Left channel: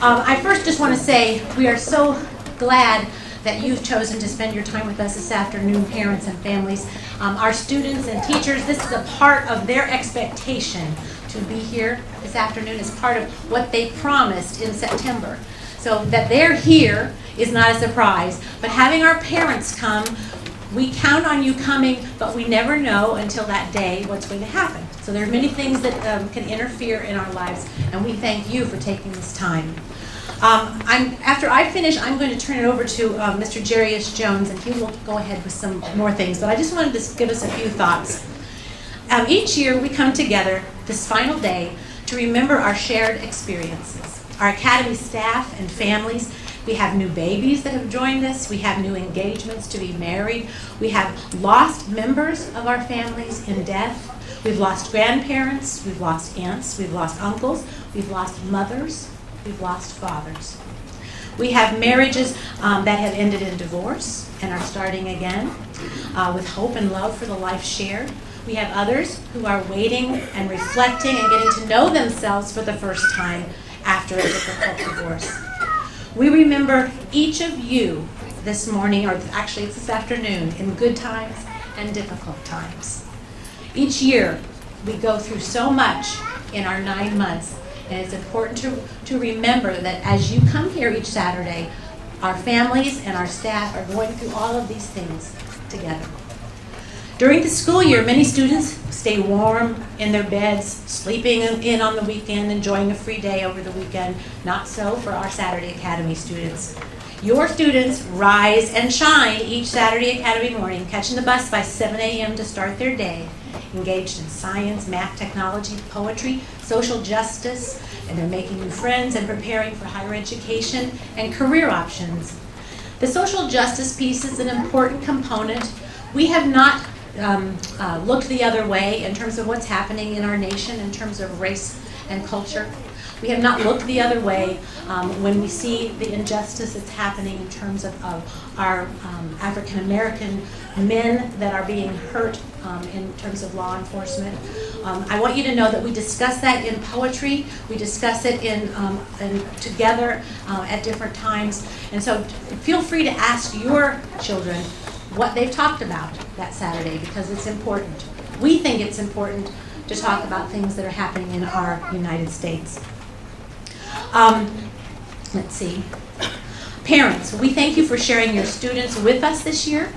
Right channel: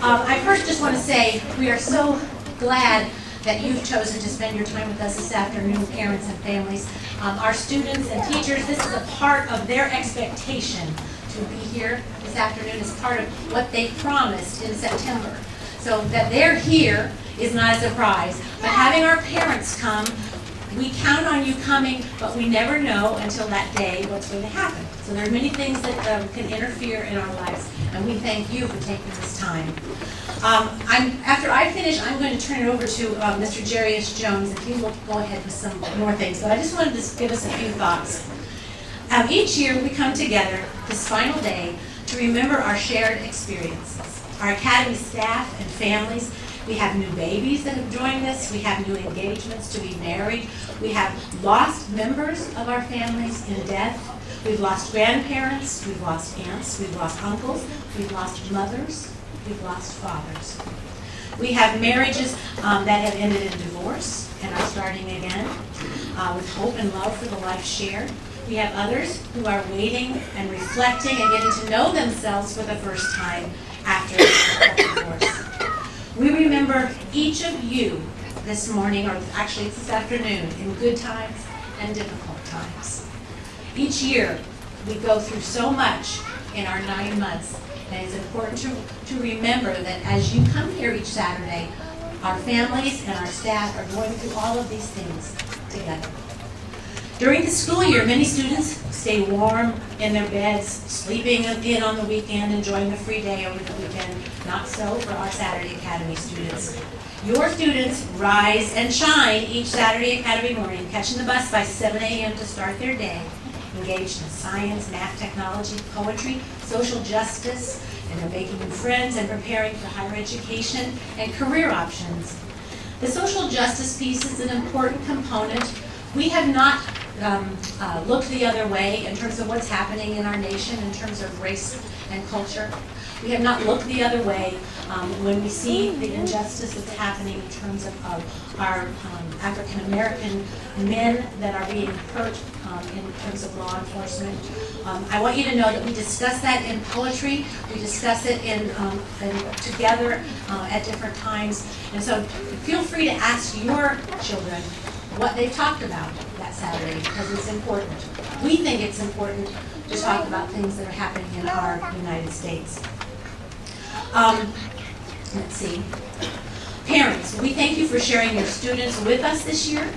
I first just want to say we are so glad that you've chosen to spend your time with us this afternoon, parents and families. Our students and teachers, this is a part of their expectation to be here this afternoon as part of what they promised in September. So that they're here is not a surprise, but having our parents come, we count on you coming, but we never know until that day what's going to happen. So there are many things that can interfere in our lives, and we thank you for taking this time. After I finish, I'm going to turn it over to Mr. Jarius Jones, and he will go ahead with some more things. But I just wanted to give us a few thoughts. Each year we come together this final day to remember our shared experiences. Our Academy staff and families. We have new babies that have joined us. We have new engagements to be married. We have lost members of our families in death. We've lost grandparents. We've lost aunts. We've lost uncles. We've lost mothers. We've lost fathers. We have marriages that have ended in divorce and are starting again with hope and love for the life shared. We have others who are waiting and reflecting and getting to know themselves for the first time after a difficult divorce. We remember each of you this morning, or actually it's this afternoon, in good times and difficult times. Each year we go through so much in our 9 months, and it's important to remember that as you come here each Saturday, our families and our staff are going through all of these things together. During the school year, many students stay warm in their beds, sleeping in on the weekend, enjoying a free day over the weekend. Not so for our Saturday Academy students. Your students rise and shine each Saturday Academy morning, catching the bus by 7 a.m. to start their day, engaged in science, math, technology, poetry, social justice, and they're making new friends and preparing for higher education and career options. The social justice piece is an important component. We have not looked the other way in terms of what's happening in our nation in terms of race and culture. We have not looked the other way when we see the injustice that's happening in terms of our African American men that are being hurt in terms of law enforcement. I want you to know that we discuss that in poetry. We discuss it in together at different times. And so feel free to ask your children what they've talked about that Saturday, because it's important. We think it's important to talk about things that are happening in our United States. Let's see. Parents, we thank you for sharing your students with us this year.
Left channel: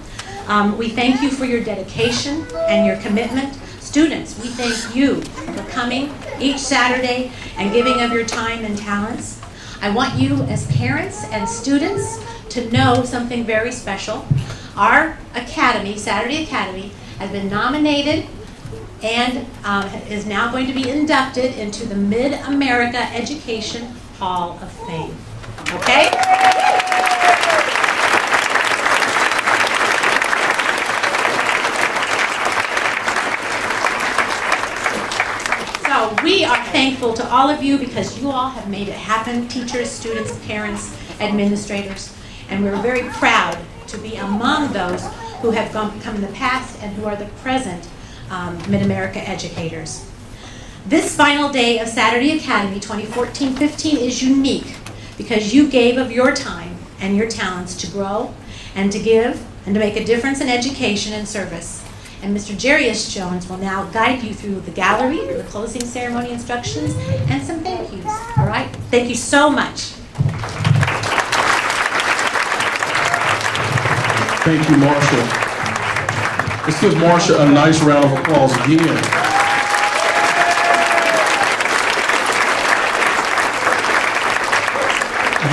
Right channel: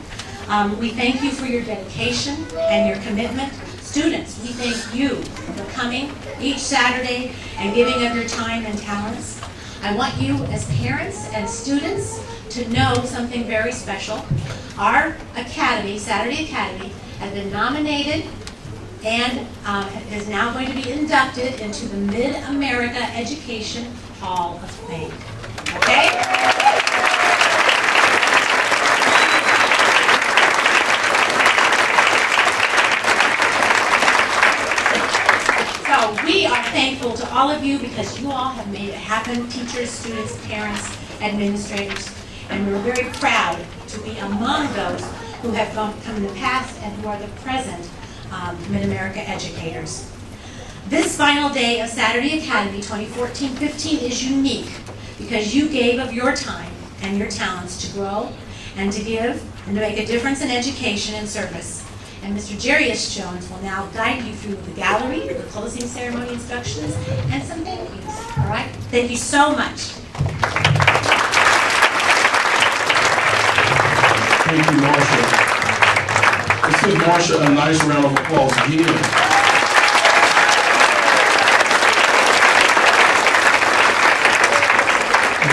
We thank you for your dedication and your commitment. Students, we thank you for coming each Saturday and giving of your time and talents. I want you as parents and students to know something very special. Our Academy, Saturday Academy, has been nominated and is now going to be inducted into the Mid-America Education Hall of Fame. Okay? So we are thankful to all of you because you all have made it happen, teachers, students, parents, administrators, and we're very proud to be among those who have come in the past and who are the present Mid-America educators. This final day of Saturday Academy 2014-15 is unique because you gave of your time and your talents to grow and to give and to make a difference in education and service. And Mr. Jarius Jones will now guide you through the gallery, the closing ceremony instructions, and some thank yous. All right? Thank you so much. Thank you, Marsha. Let's give Marsha a nice round of applause again.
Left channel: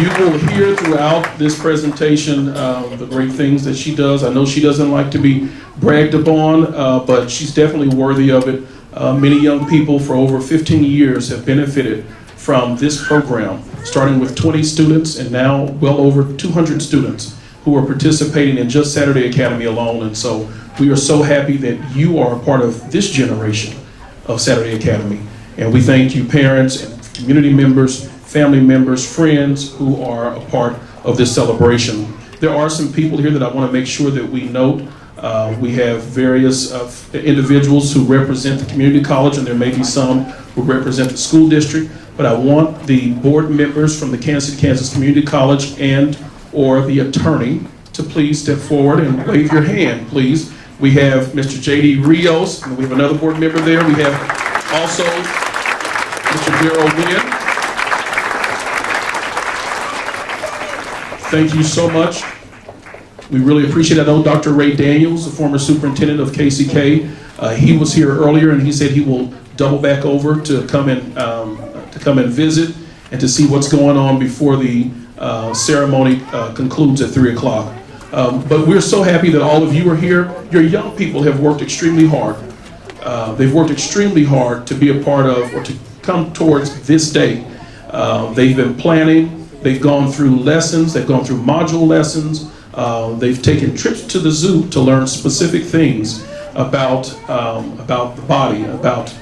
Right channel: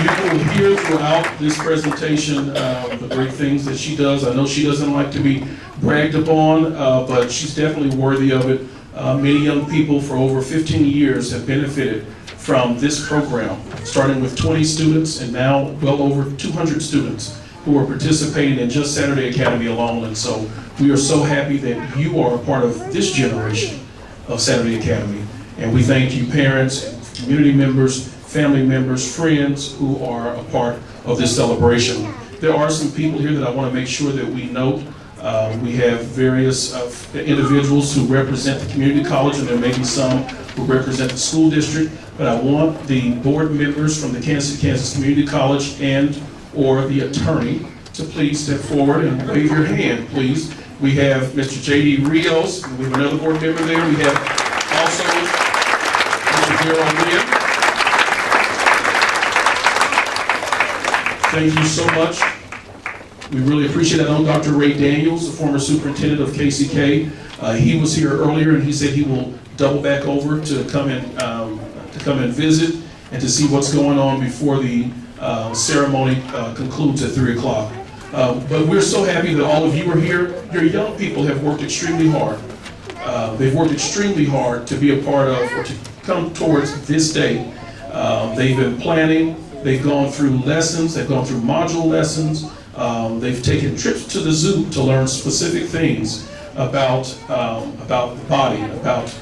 You will hear throughout this presentation the great things that she does. I know she doesn't like to be bragged upon, but she's definitely worthy of it. Many young people for over 15 years have benefited from this program, starting with 20 students and now well over 200 students who are participating in just Saturday Academy alone. And so we are so happy that you are a part of this generation of Saturday Academy. And we thank you, parents, community members, family members, friends who are a part of this celebration. There are some people here that I want to make sure that we note. We have various individuals who represent the community college, and there may be some who represent the school district. but I want the board members from the Kansas Community College and or the attorney to please step forward and wave your hand, please. We have Mr. J.D. Rios, and we have another board member there. We have also Mr. Daryl Wynn. Thank you so much. We really appreciate it. I know Dr. Ray Daniels, the former superintendent of KCK, he was here earlier and he said he will double back over to come and visit and to see what's going on before the ceremony concludes at 3 o'clock. But we're so happy that all of you are here. Your young people have worked extremely hard. They've worked extremely hard to be a part of or to come towards this day. They've been planning. They've gone through lessons. They've gone through module lessons. They've taken trips to the zoo to learn specific things about the body, about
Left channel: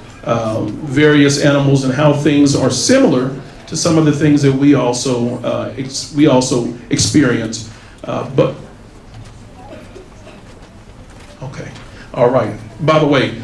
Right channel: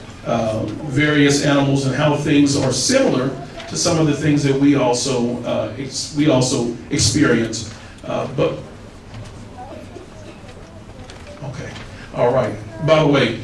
various animals and how things are similar to some of the things that we also experience. But okay, all right. By the way,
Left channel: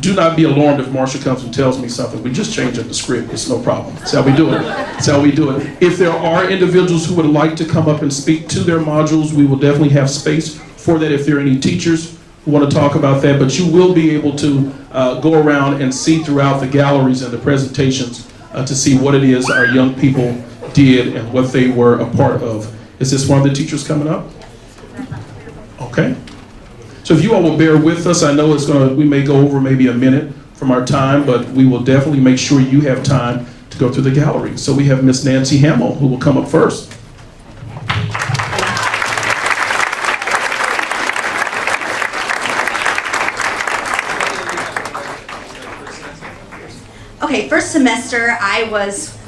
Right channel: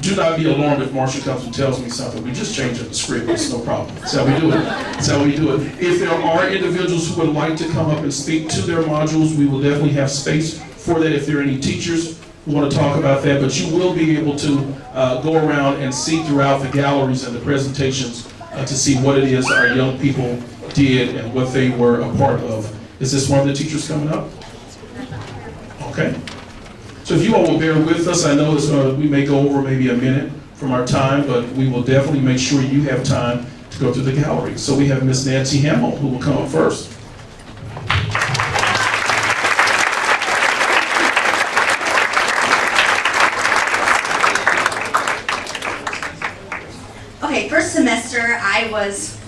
do not be alarmed if Marsha comes and tells me something. We just changed up the script. It's no problem. That's how we do it. That's how we do it. If there are individuals who would like to come up and speak to their modules, we will definitely have space for that if there are any teachers who want to talk about that. But you will be able to go around and see throughout the galleries and the presentations to see what it is our young people did and what they were a part of. Is this one of the teachers coming up? Okay. So if you all will bear with us, I know we may go over maybe a minute from our time, but we will definitely make sure you have time to go through the gallery. So we have Miss Nancy Hamill, who will come up first. Okay, first semester I was,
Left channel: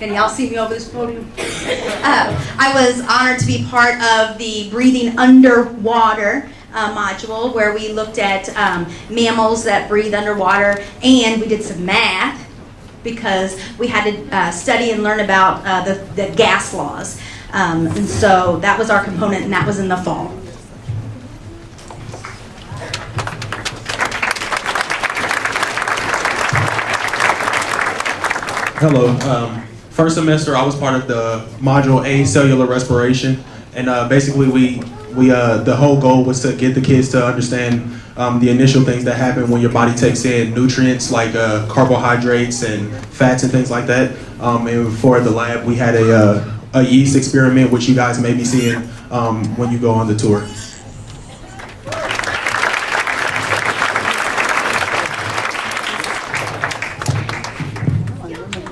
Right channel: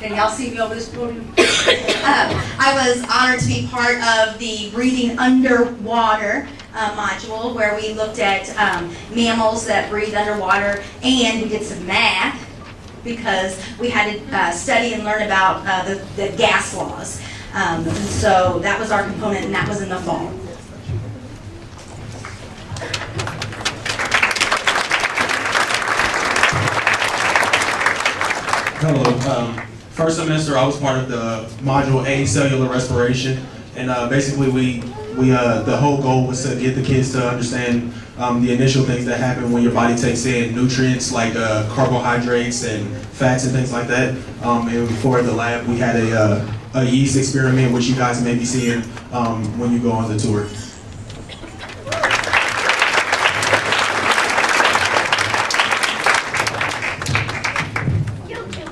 can y'all see me over this podium? I was honored to be part of the Breathing Underwater module, where we looked at mammals that breathe underwater, and we did some math because we had to study and learn about the gas laws. And so that was our component, and that was in the fall. Hello. First semester, I was part of the Module A, Cellular Respiration, and basically the whole goal was to get the kids to understand the initial things that happen when your body takes in nutrients like carbohydrates and fats and things like that. And for the lab, we had a yeast experiment, which you guys may be seeing when you go on the tour.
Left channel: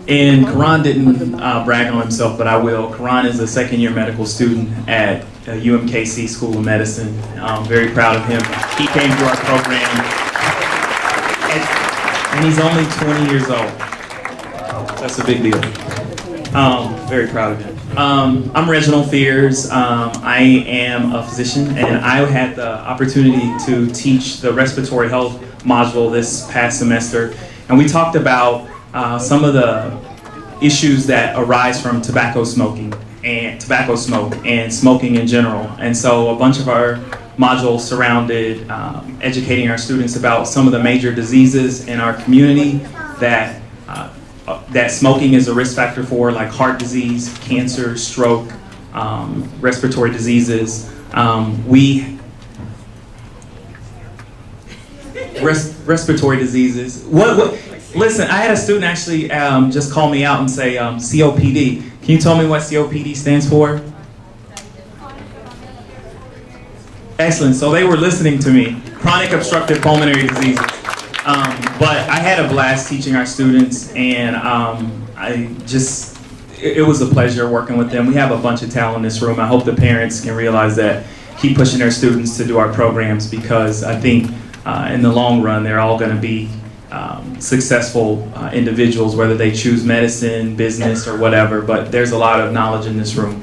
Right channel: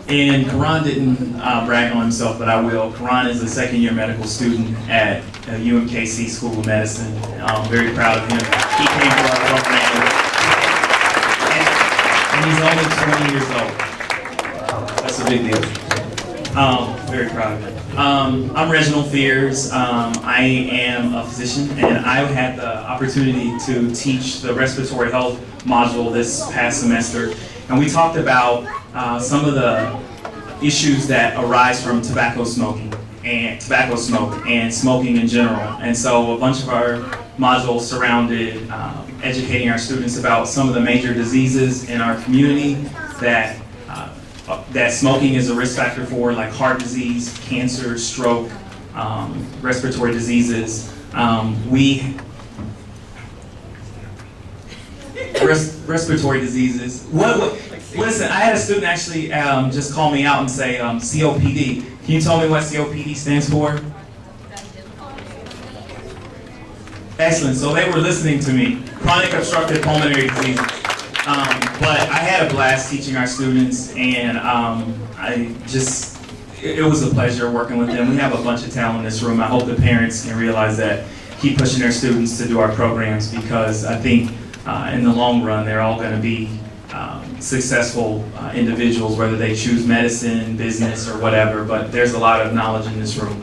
And Karan didn't brag on himself, but I will. Karan is a second-year medical student at UMKC School of Medicine. I'm very proud of him. He came to our program, and he's only 20 years old. That's a big deal. Very proud of him. I'm Reginald Fears. I am a physician, and I had the opportunity to teach the respiratory health module this past semester, and we talked about some of the issues that arise from tobacco smoke and smoking in general. And so a bunch of our modules surrounded educating our students about some of the major diseases in our community that smoking is a risk factor for, like heart disease, cancer, stroke, respiratory diseases. Respiratory diseases. Listen, I had a student actually just call me out and say COPD. Can you tell me what COPD stands for? Excellent. So they were listening to me. Chronic obstructive pulmonary disease. But I had a blast teaching our students, and it was a pleasure working with them. We have a bunch of talent in this room. I hope the parents can realize that. Keep pushing their students to do our programs, because I think in the long run they're all going to be successful individuals, whether they choose medicine, business, or whatever. But there's a lot of knowledge in this room.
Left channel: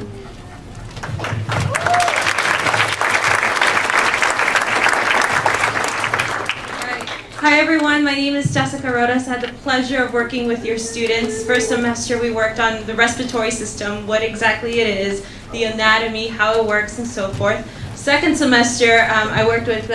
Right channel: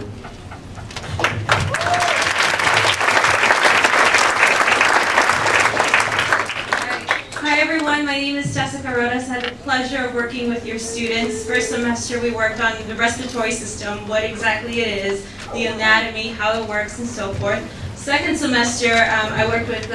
Hi everyone, my name is Jessica Rodas. I had the pleasure of working with your students. First semester we worked on the respiratory system, what exactly it is, the anatomy, how it works, and so forth. Second semester I worked with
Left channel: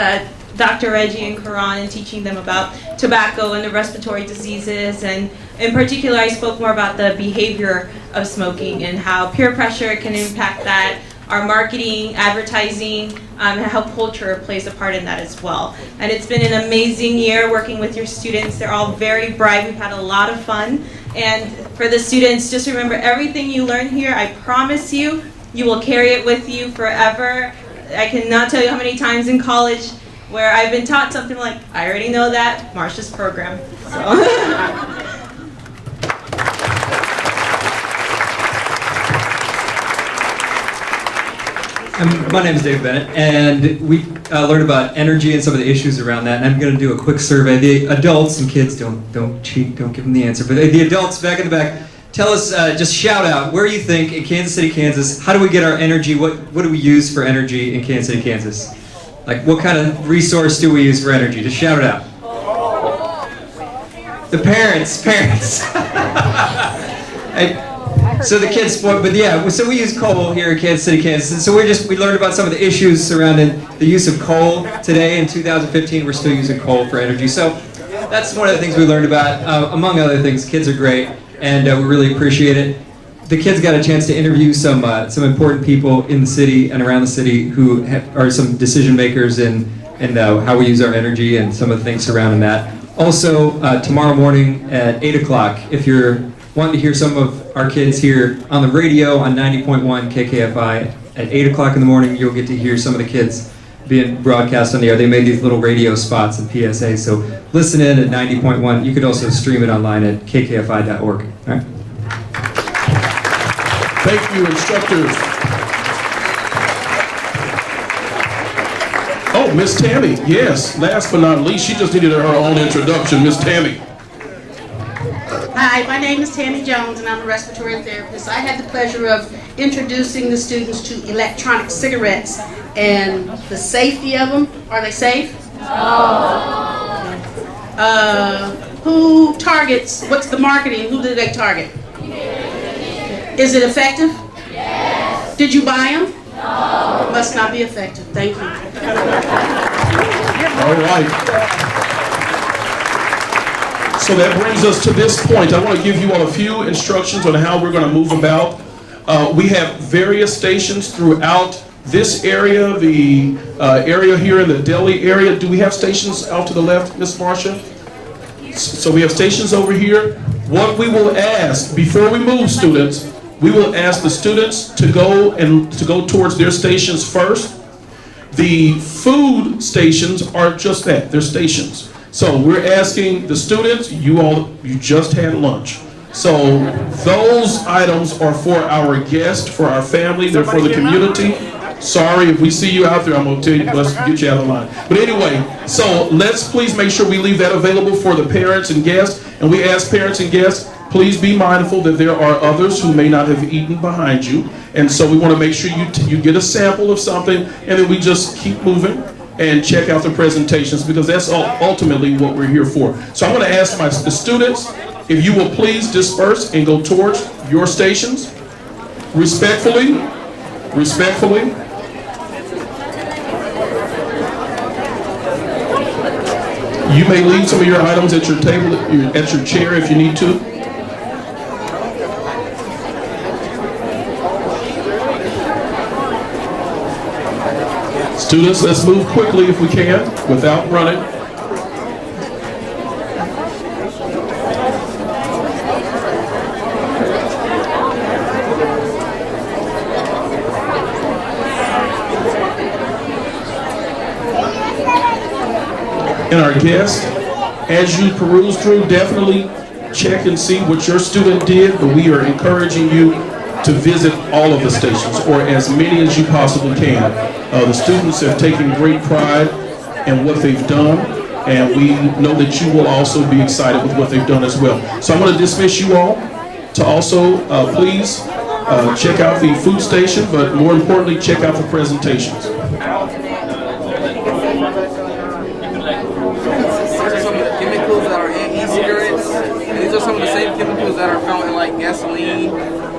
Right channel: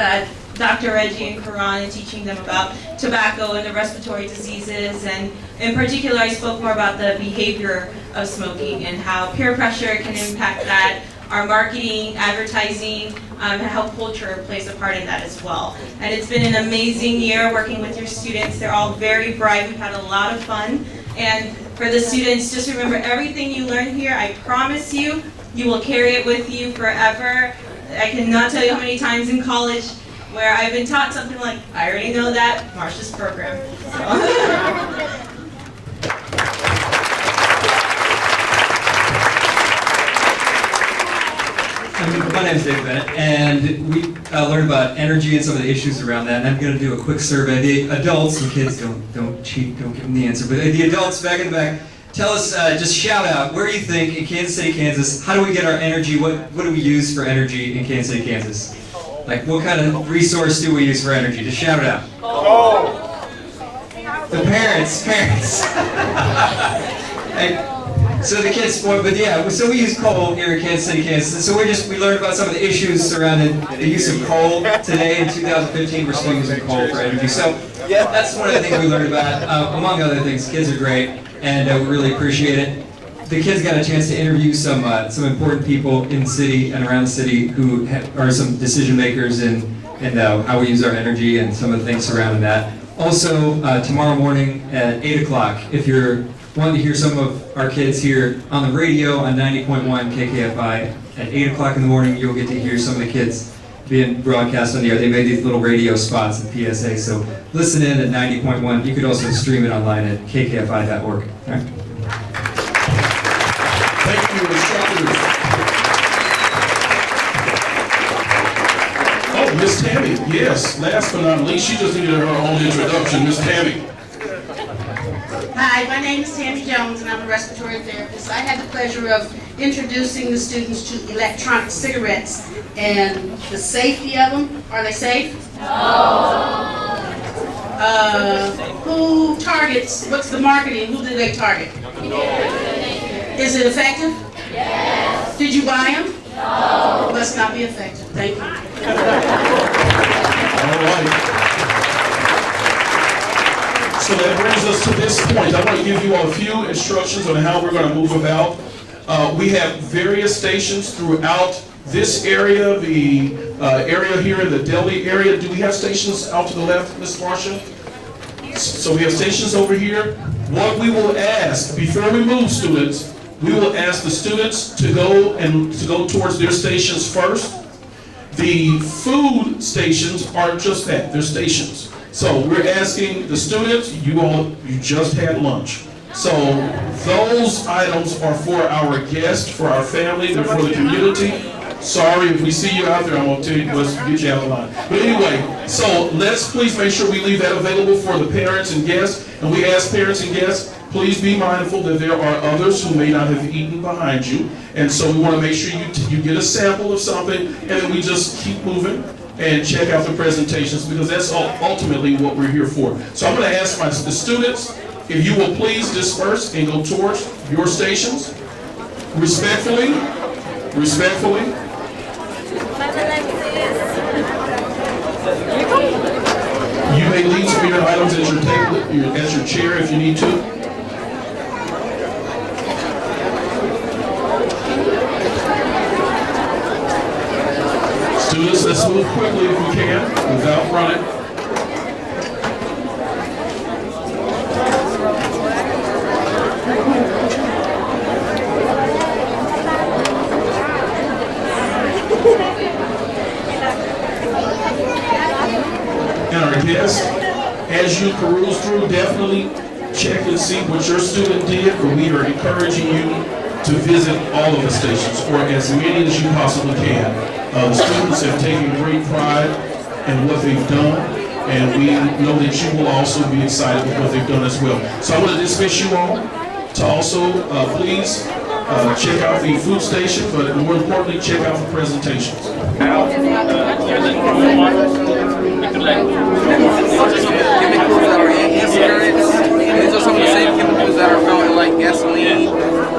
Dr. Reggie and Karan and teaching them about tobacco and the respiratory diseases. And in particular, I spoke more about the behavior of smoking and how peer pressure can impact that, our marketing, advertising, and how culture plays a part in that as well. And it's been an amazing year working with your students. They're all very bright. We've had a lot of fun. And for the students, just remember everything you learn here, I promise you, you will carry it with you forever. I cannot tell you how many times in college where I've been taught something like, I already know that, Marsha's program. So. My name is Dave Bennett, and we learned about energy and some of the issues around that. And I'm going to do a quick survey. The adults and kids, don't cheat, don't give them the answer. But the adults back in the back, tell us, just shout out where you think in Kansas City, Kansas. How do we get our energy? What do we use for energy in Kansas City, Kansas? Like, what kind of resource do we use for energy? Just shout it out. The parents. So the kids, but yeah, so we use coal here in Kansas City, Kansas. So we learned about some of the issues surrounding the use of coal today. In 2015, we're still using coal for energy. So that's one of the things we learned about. Among other things, kids are great, and we really appreciate it. The kids got a chance to interview some important people in the city and around the city who are some decision makers in how we use our energy and some of the things surrounding that. Also, tomorrow morning at 8 o'clock, if you're wanting to hear some of our kids here on the radio on 90.1 KKFI, at 8 o'clock in the morning, you'll get to hear some of the kids being broadcast on the air. They made these little radio spots and PSA, so listen in at 90.1. You could also stream it online at kkfi.org. All right? Thank you, instructors. Oh, Miss Tammy, yes. Last but not least, she just needed her own introduction. Miss Tammy. Hi, my name is Tammy Jones, and I'm a respiratory therapist. I had the pleasure of introducing the students to electronic cigarettes and the safety of them. Are they safe? No. Who targets? What's the marketing? Who do they target? Is it effective? Yes. Did you buy them? No. It must not be effective. Thank you. All right. So that brings us to this point. I want to give you all a few instructions on how we're going to move about. We have various stations throughout this area, the area here in the deli area. Do we have stations out to the left, Miss Marcia? So we have stations over here. What we will ask, before we move, students, we will ask the students to go towards their stations first. The food stations are just that, they're stations. So we're asking the students, you just had lunch. So those items are for our guests, for our family, they're for the community. Sorry if we see you out there, I'm going to tell you, let's get you out of line. But anyway, so let's please make sure we leave that available for the parents and guests. And we ask parents and guests, please be mindful that there are others who may not have eaten behind you. And so we want to make sure you get a sample of something, and then we just keep moving and check out the presentations, because that's ultimately what we're here for. So I'm going to ask the students, if you will please disperse and go towards your stations. Respectfully. You may leave some of your items at your table, at your chair if you need to. Students, let's move quickly if we can, without running. And our guests, as you peruse through, definitely check and see what your student did, but we are encouraging you to visit all of the stations, or as many as you possibly can. The students have taken great pride in what they've done, and we know that you will also be excited with what they've done as well. So I'm going to dismiss you all to also please check out the food station, but more importantly, check out the presentations. Give me clues that are in cigarettes. these are some of the same chemicals that are found in like gasoline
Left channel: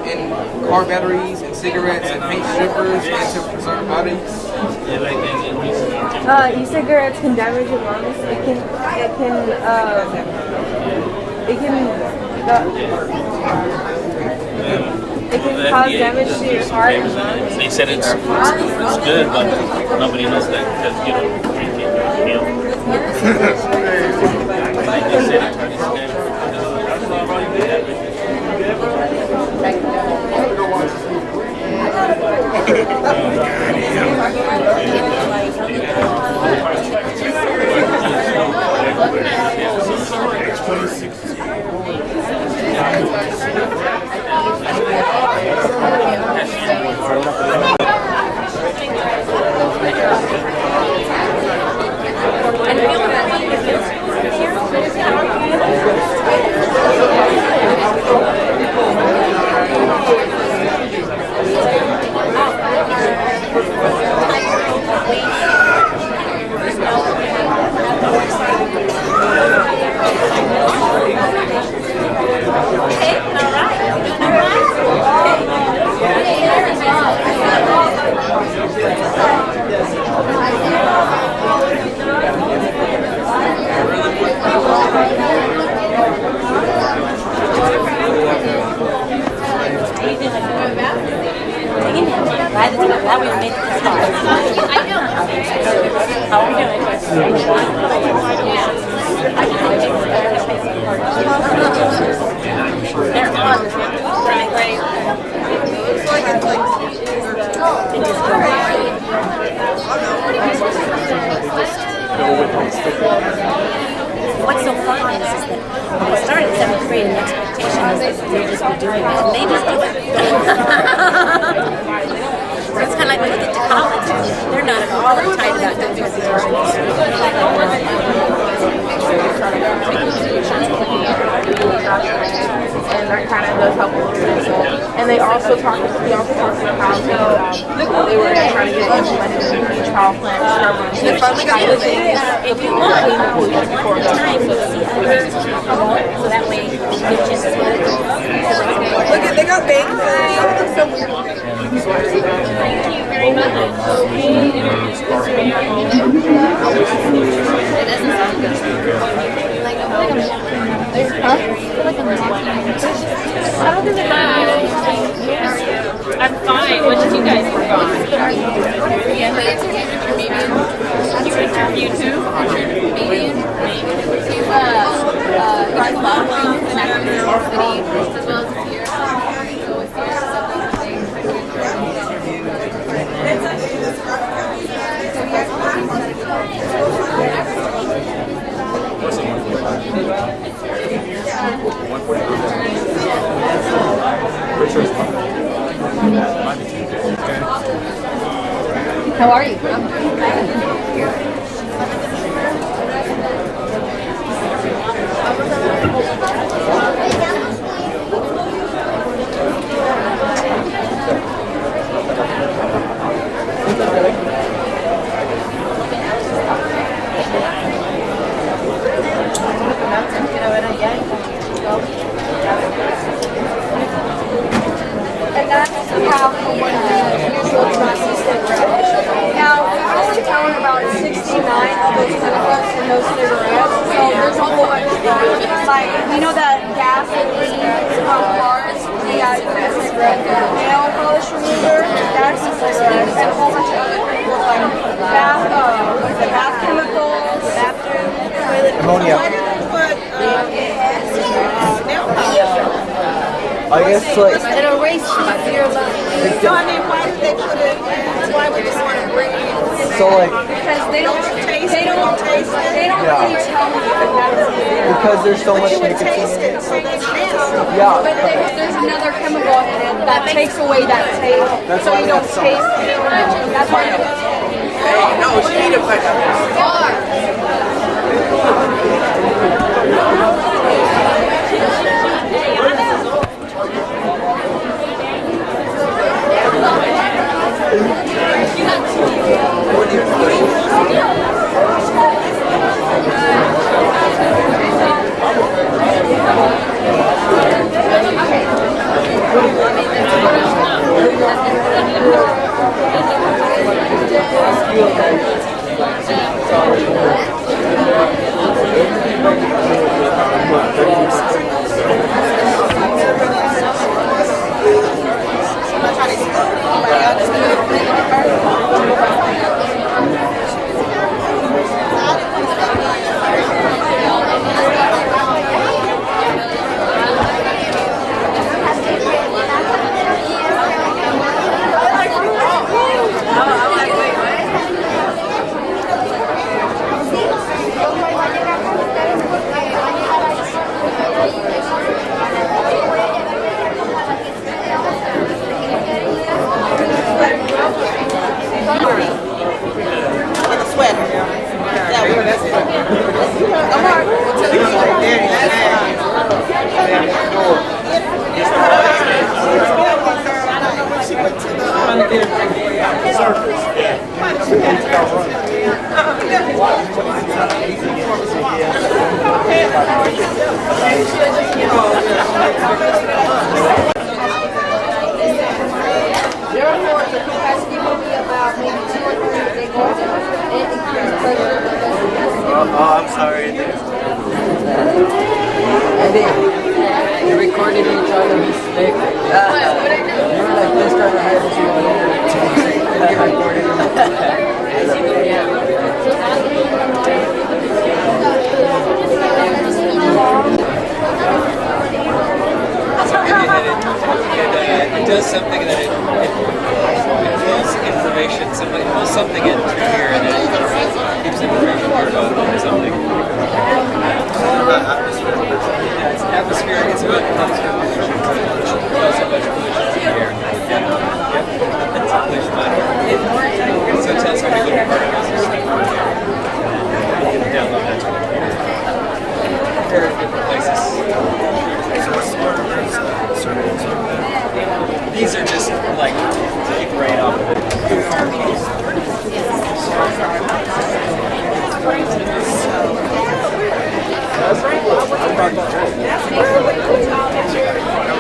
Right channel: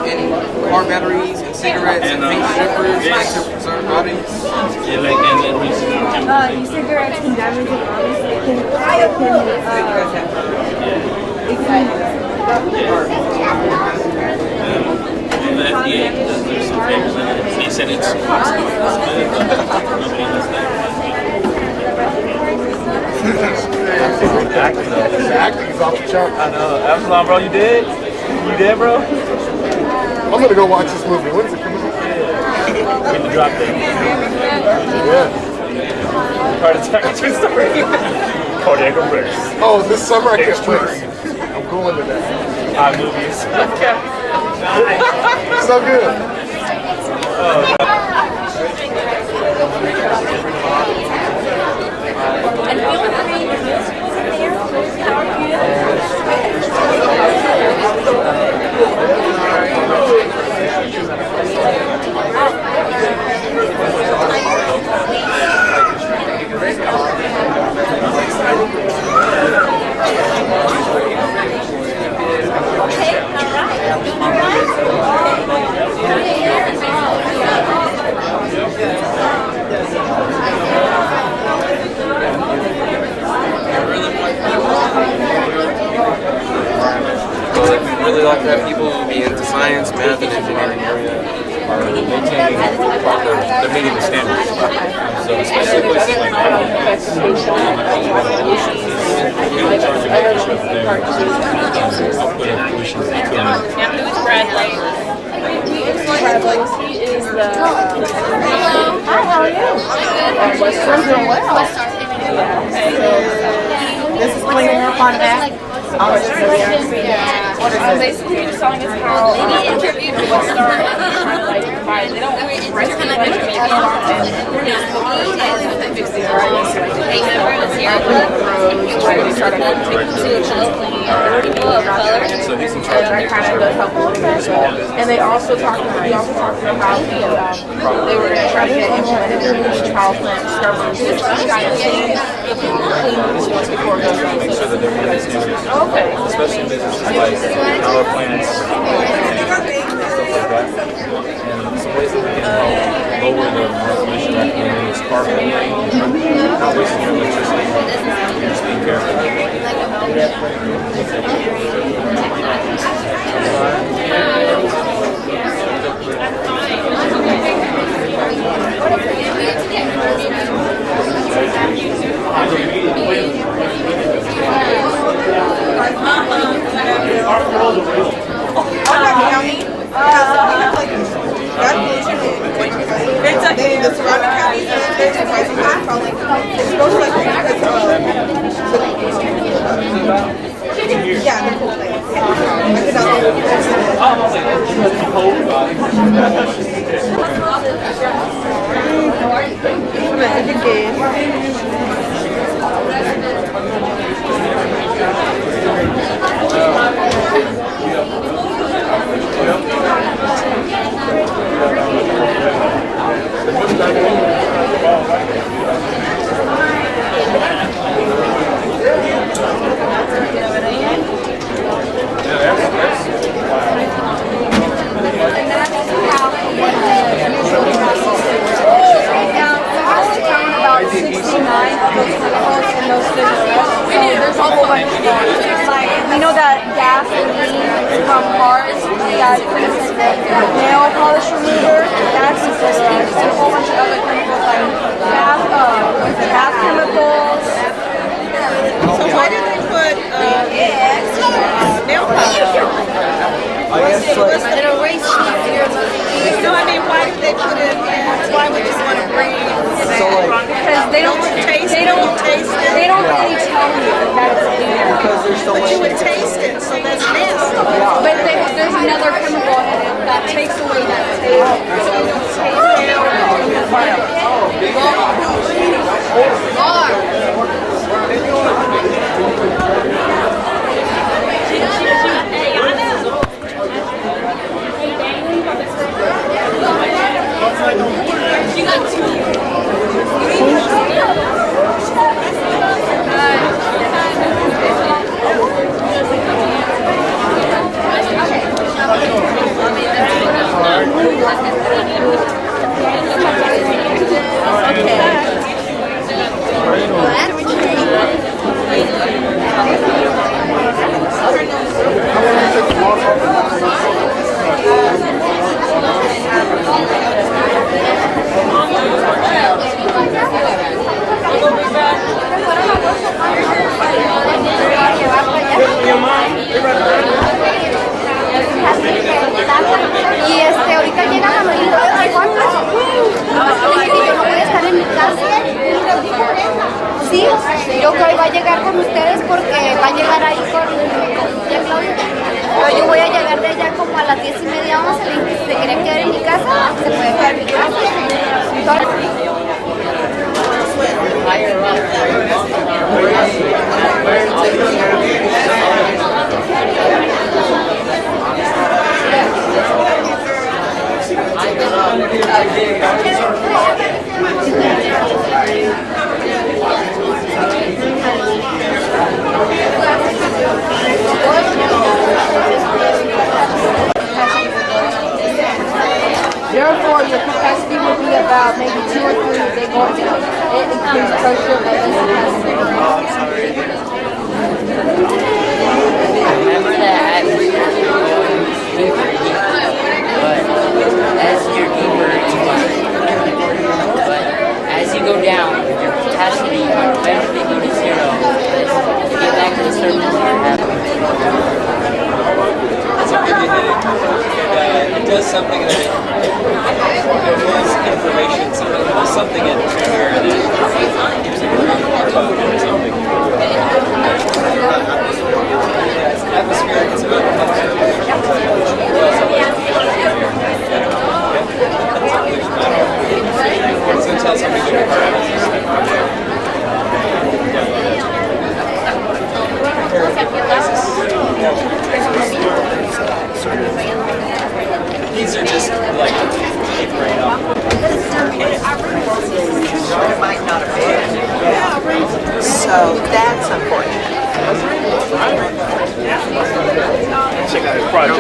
and car batteries and cigarettes and paint strippers to preserve bodies. E-cigarettes can damage your lungs. It can cause damage to your heart. They said it's good, but nobody knows that. I know. Absalom, bro, you dead? You dead, bro? I'm gonna go watch this movie. What is it? You dropped it. Oh, this summer I catch 26. I'm going to that. So good. And feel free to use Really like to have people who be into science, math, and engineering This is going to work on that. Basically, the song is called They don't it's kind of like they're not all the types that fix it right. They try to take solutions clean and that kind of does help a little bit. And we also talked about how they were going to try to get implemented in each power plant scrubbers, which kind of things to clean the pollution before it goes on. They got big lower the emission and the spark. Not wasting your electricity. Just be careful. I'm fine. What did you guys think about? You too? How are you? We know that gasoline from cars, nail polish remover, that's in cigarettes, and a whole bunch of other chemicals like bath chemicals. Why did they put nail polish? I guess like It erases your life. No, I mean, why did they put it in? Why would you want to bring it in? so like Because they don't taste they it, don't you taste it. they don't really tell you that it's there. because there's so But much you would taste nicotine. it, so that's nasty. Yeah. But there's another chemical in it that takes away that taste, so you don't taste it. Sí, yo creo que va a llegar con ustedes porque va a llegar ahí con ya Claudia. Pero yo voy a llegar de allá como a las 10:30, 11. Si se quieren quedar en mi casa, se pueden quedar en mi casa. Therefore, your capacity will be about maybe 2 or 3 if they go down. It increases pressure, but less capacity. Oh, I'm sorry. As you go down, it does something that it pulls information, it pulls something in through here, and it gives information about something. Yeah, it's atmospheric. It's about atmospheric. It's also about pollution here. It's a pollution matter. So it tells how many different particles. Download that to compare different places. These are just like keep right up with it. So that's important.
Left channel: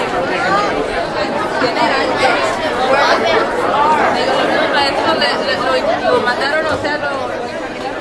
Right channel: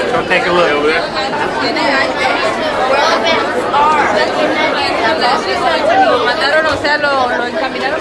Go take a look. Where the vents are. Lo mandaron, o sea, lo encaminaron.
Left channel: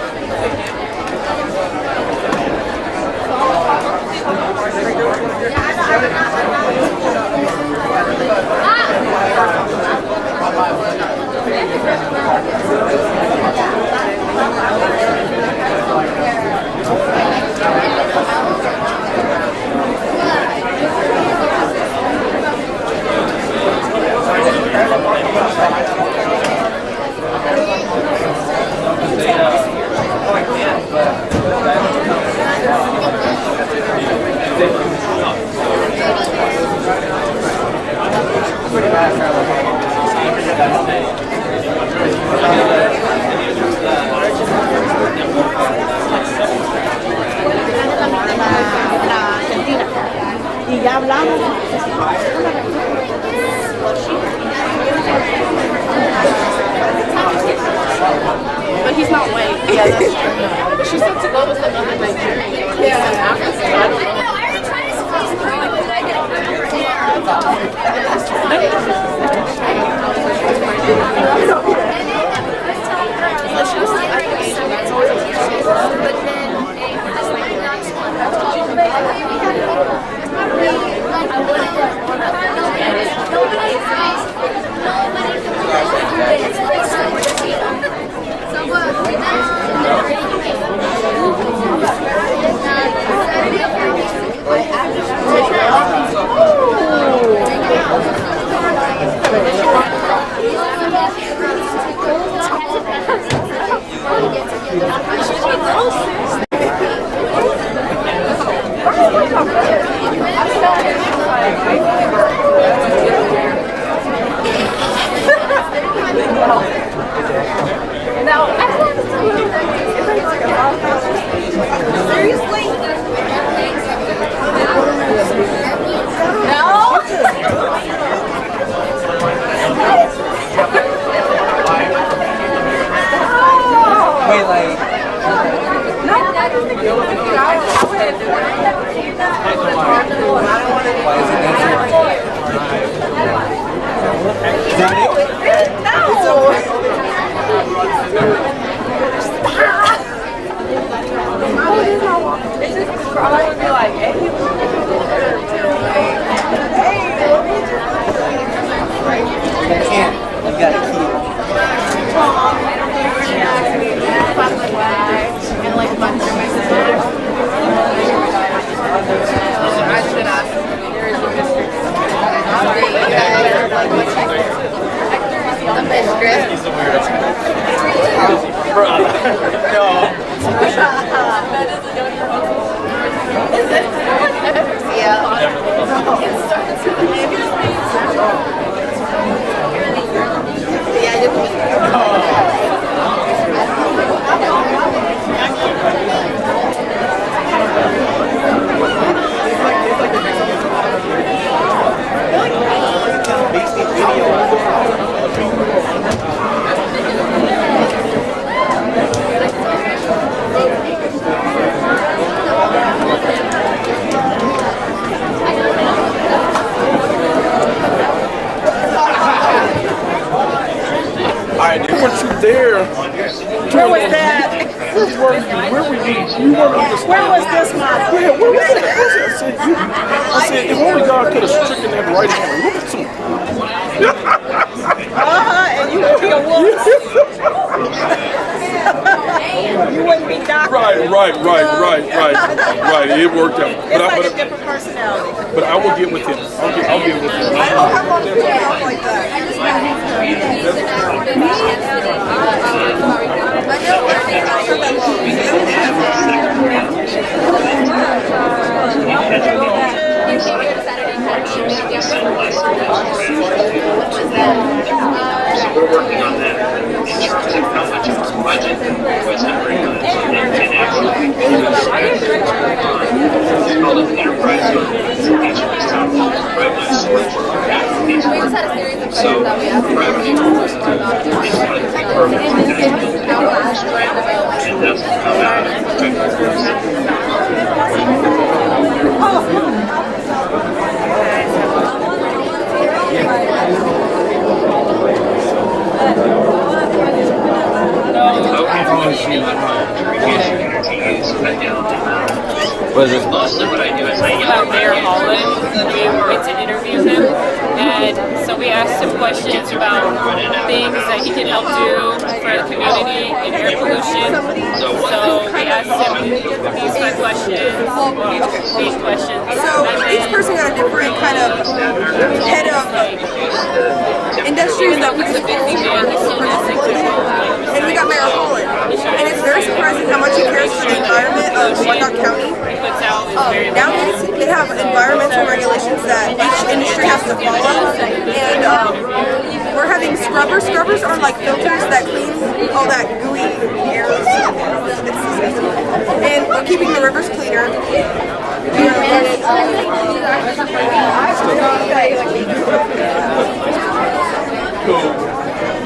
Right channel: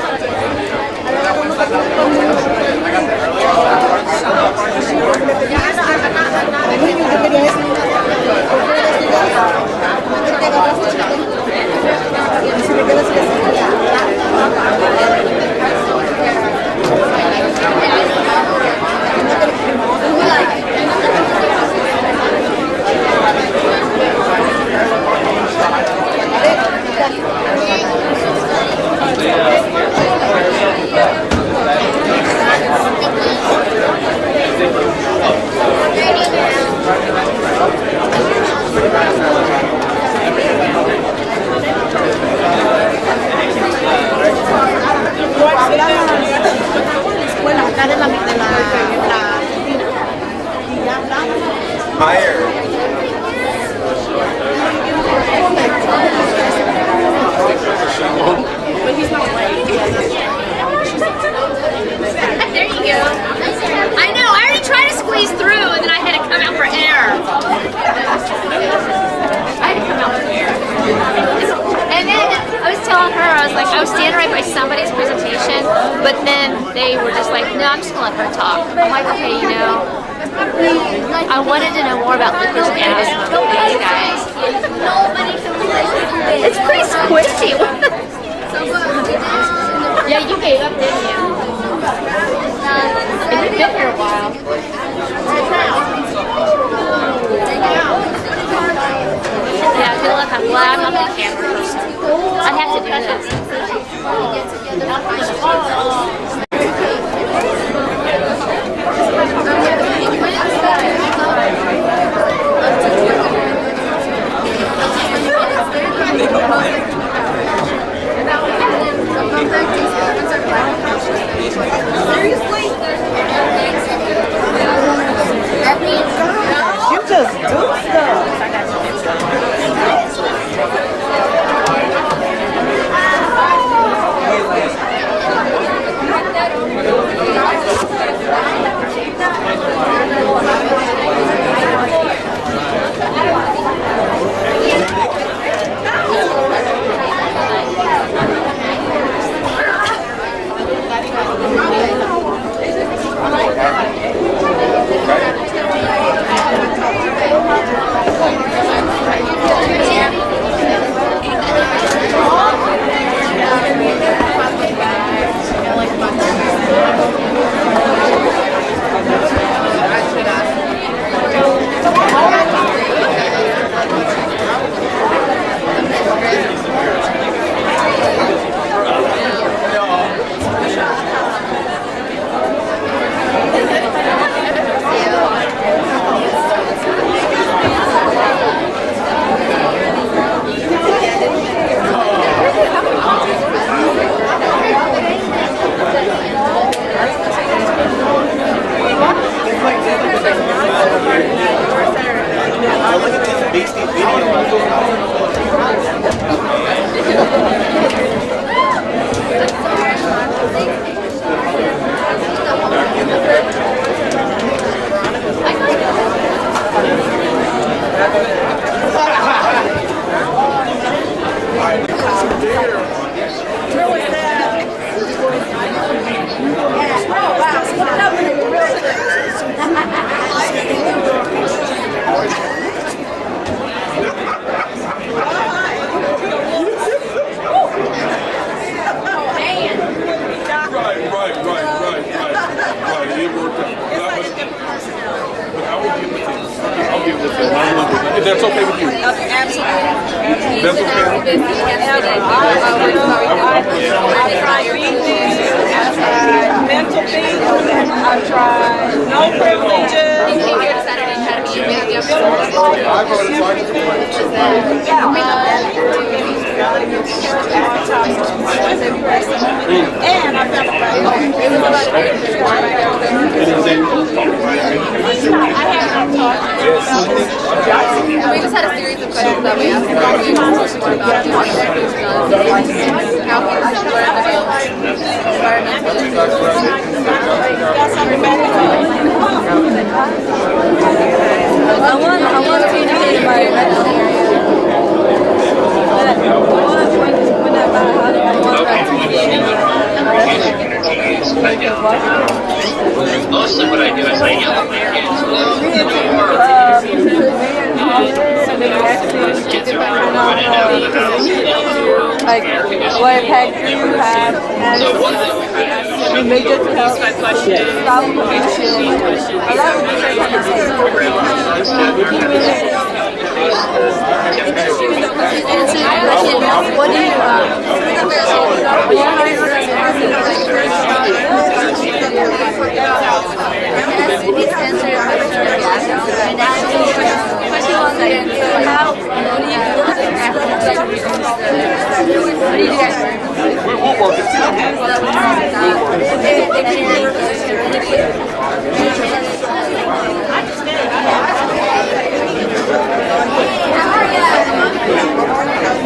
Bueno, acá de la Argentina. Y ya hablamos. But he's not late. I know, I already tried to squeeze through and then I had to come out for air. And then I was telling her, I was like, I was standing right by somebody's presentation, but then they were just like, no, I'm just gonna let her talk. I'm like, okay, you know, I wanted to know more about the candidates. Nobody can relate. It's pretty squishy. Yeah, you gave up, didn't you? I have to cut up before we get together. I should And you would be a wolf. You wouldn't be Doc. Right. It worked out. It's like a different personality. But I will get with him. I'll get with him. If that's okay with you. You came here to Saturday Academy and made the we just had a series of questions that we asked him. We just learned more about him, what he's done, how he's learned about I want to be my But mostly what I do is I yell at my kids to interview him, and so we asked him questions about things that he can help do for the community and revolution. So we asked him these 5 questions, these questions. So each person got a different kind of head of industries that we can get into. What do you, if we got their role, and it's very surprising how much it cares for the environment of Whatnot County. Now we have environmental regulations that each industry has to follow, and we're having scrubbers. Scrubbers are like filters that clean all that and keeping the rivers cleaner.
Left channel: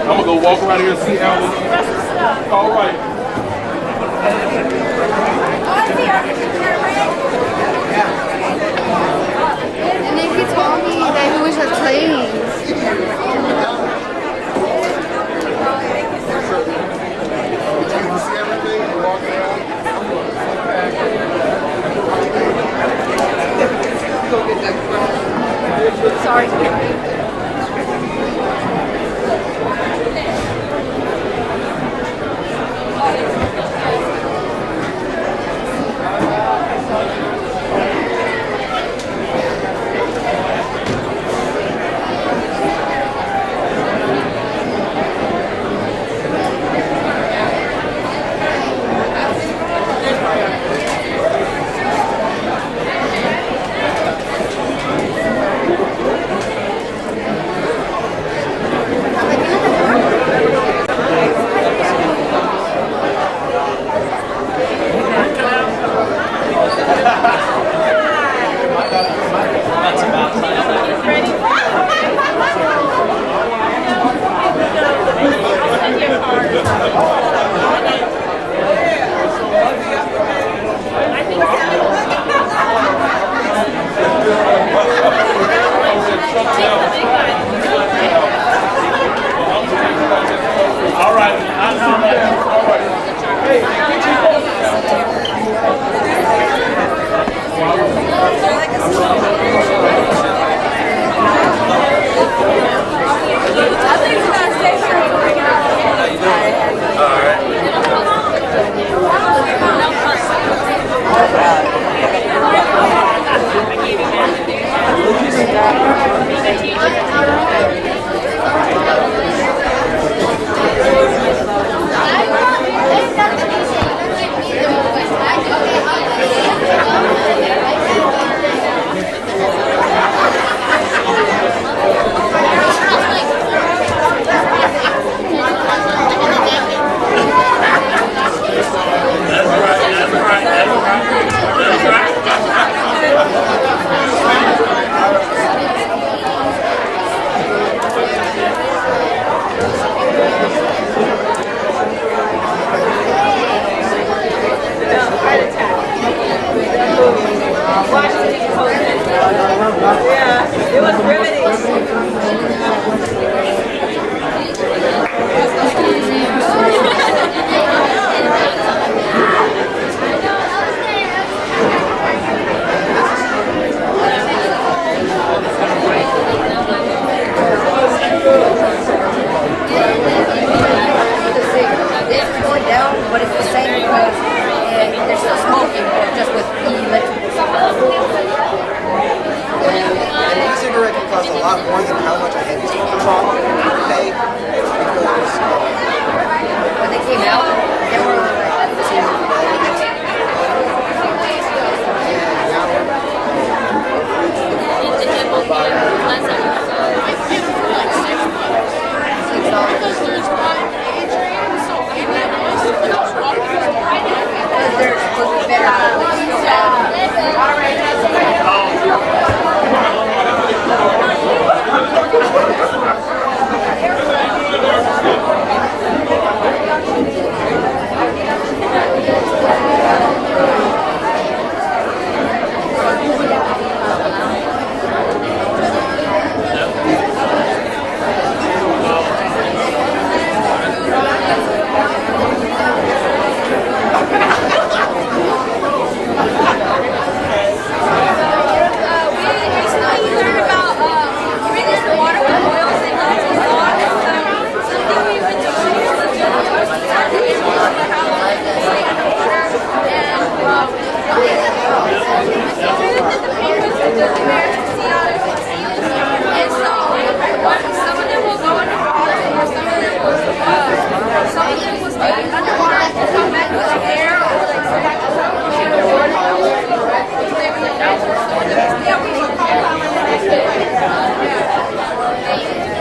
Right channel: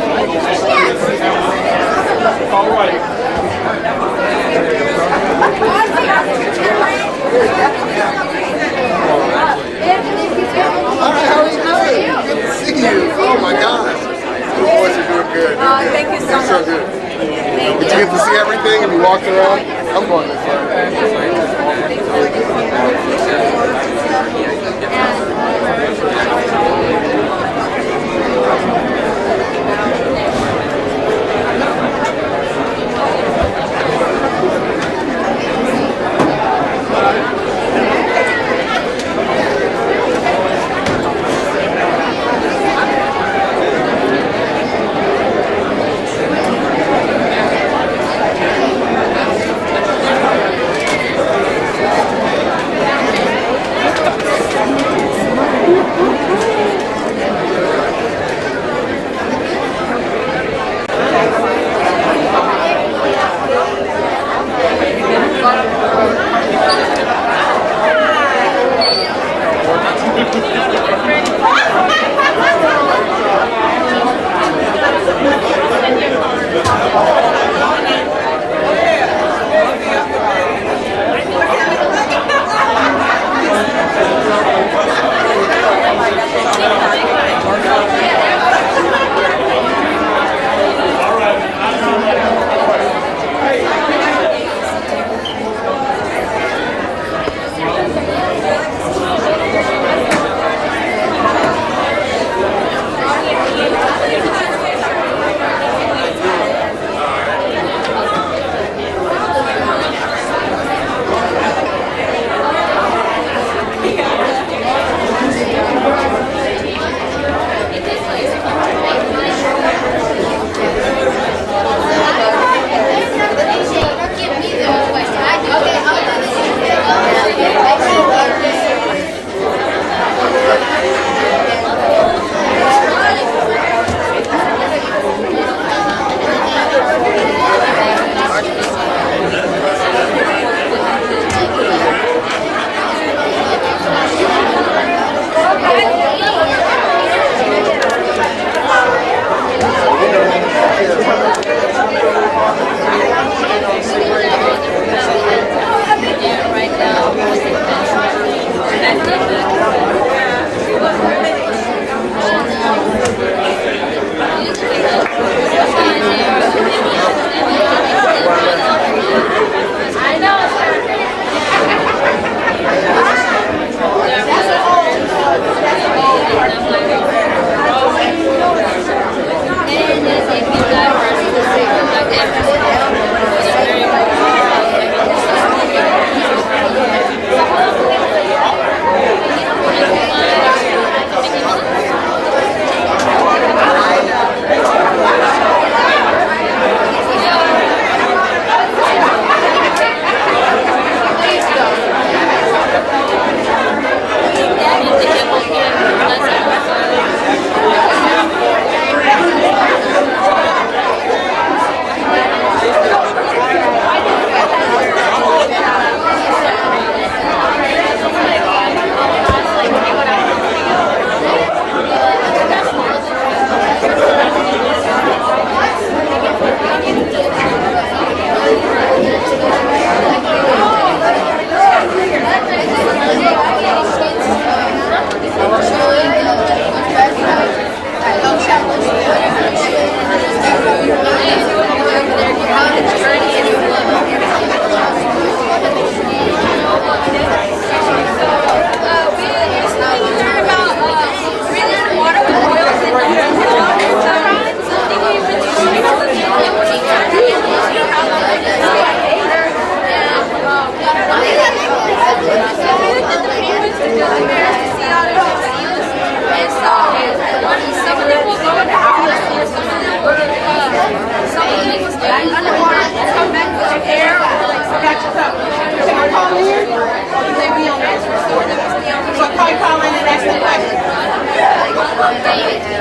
I'm gonna go walk around here and see how it's all right. Oh my gosh. Your voice is doing good. Thank you so much. So good. Did you get to see everything and you walked around? I'm going.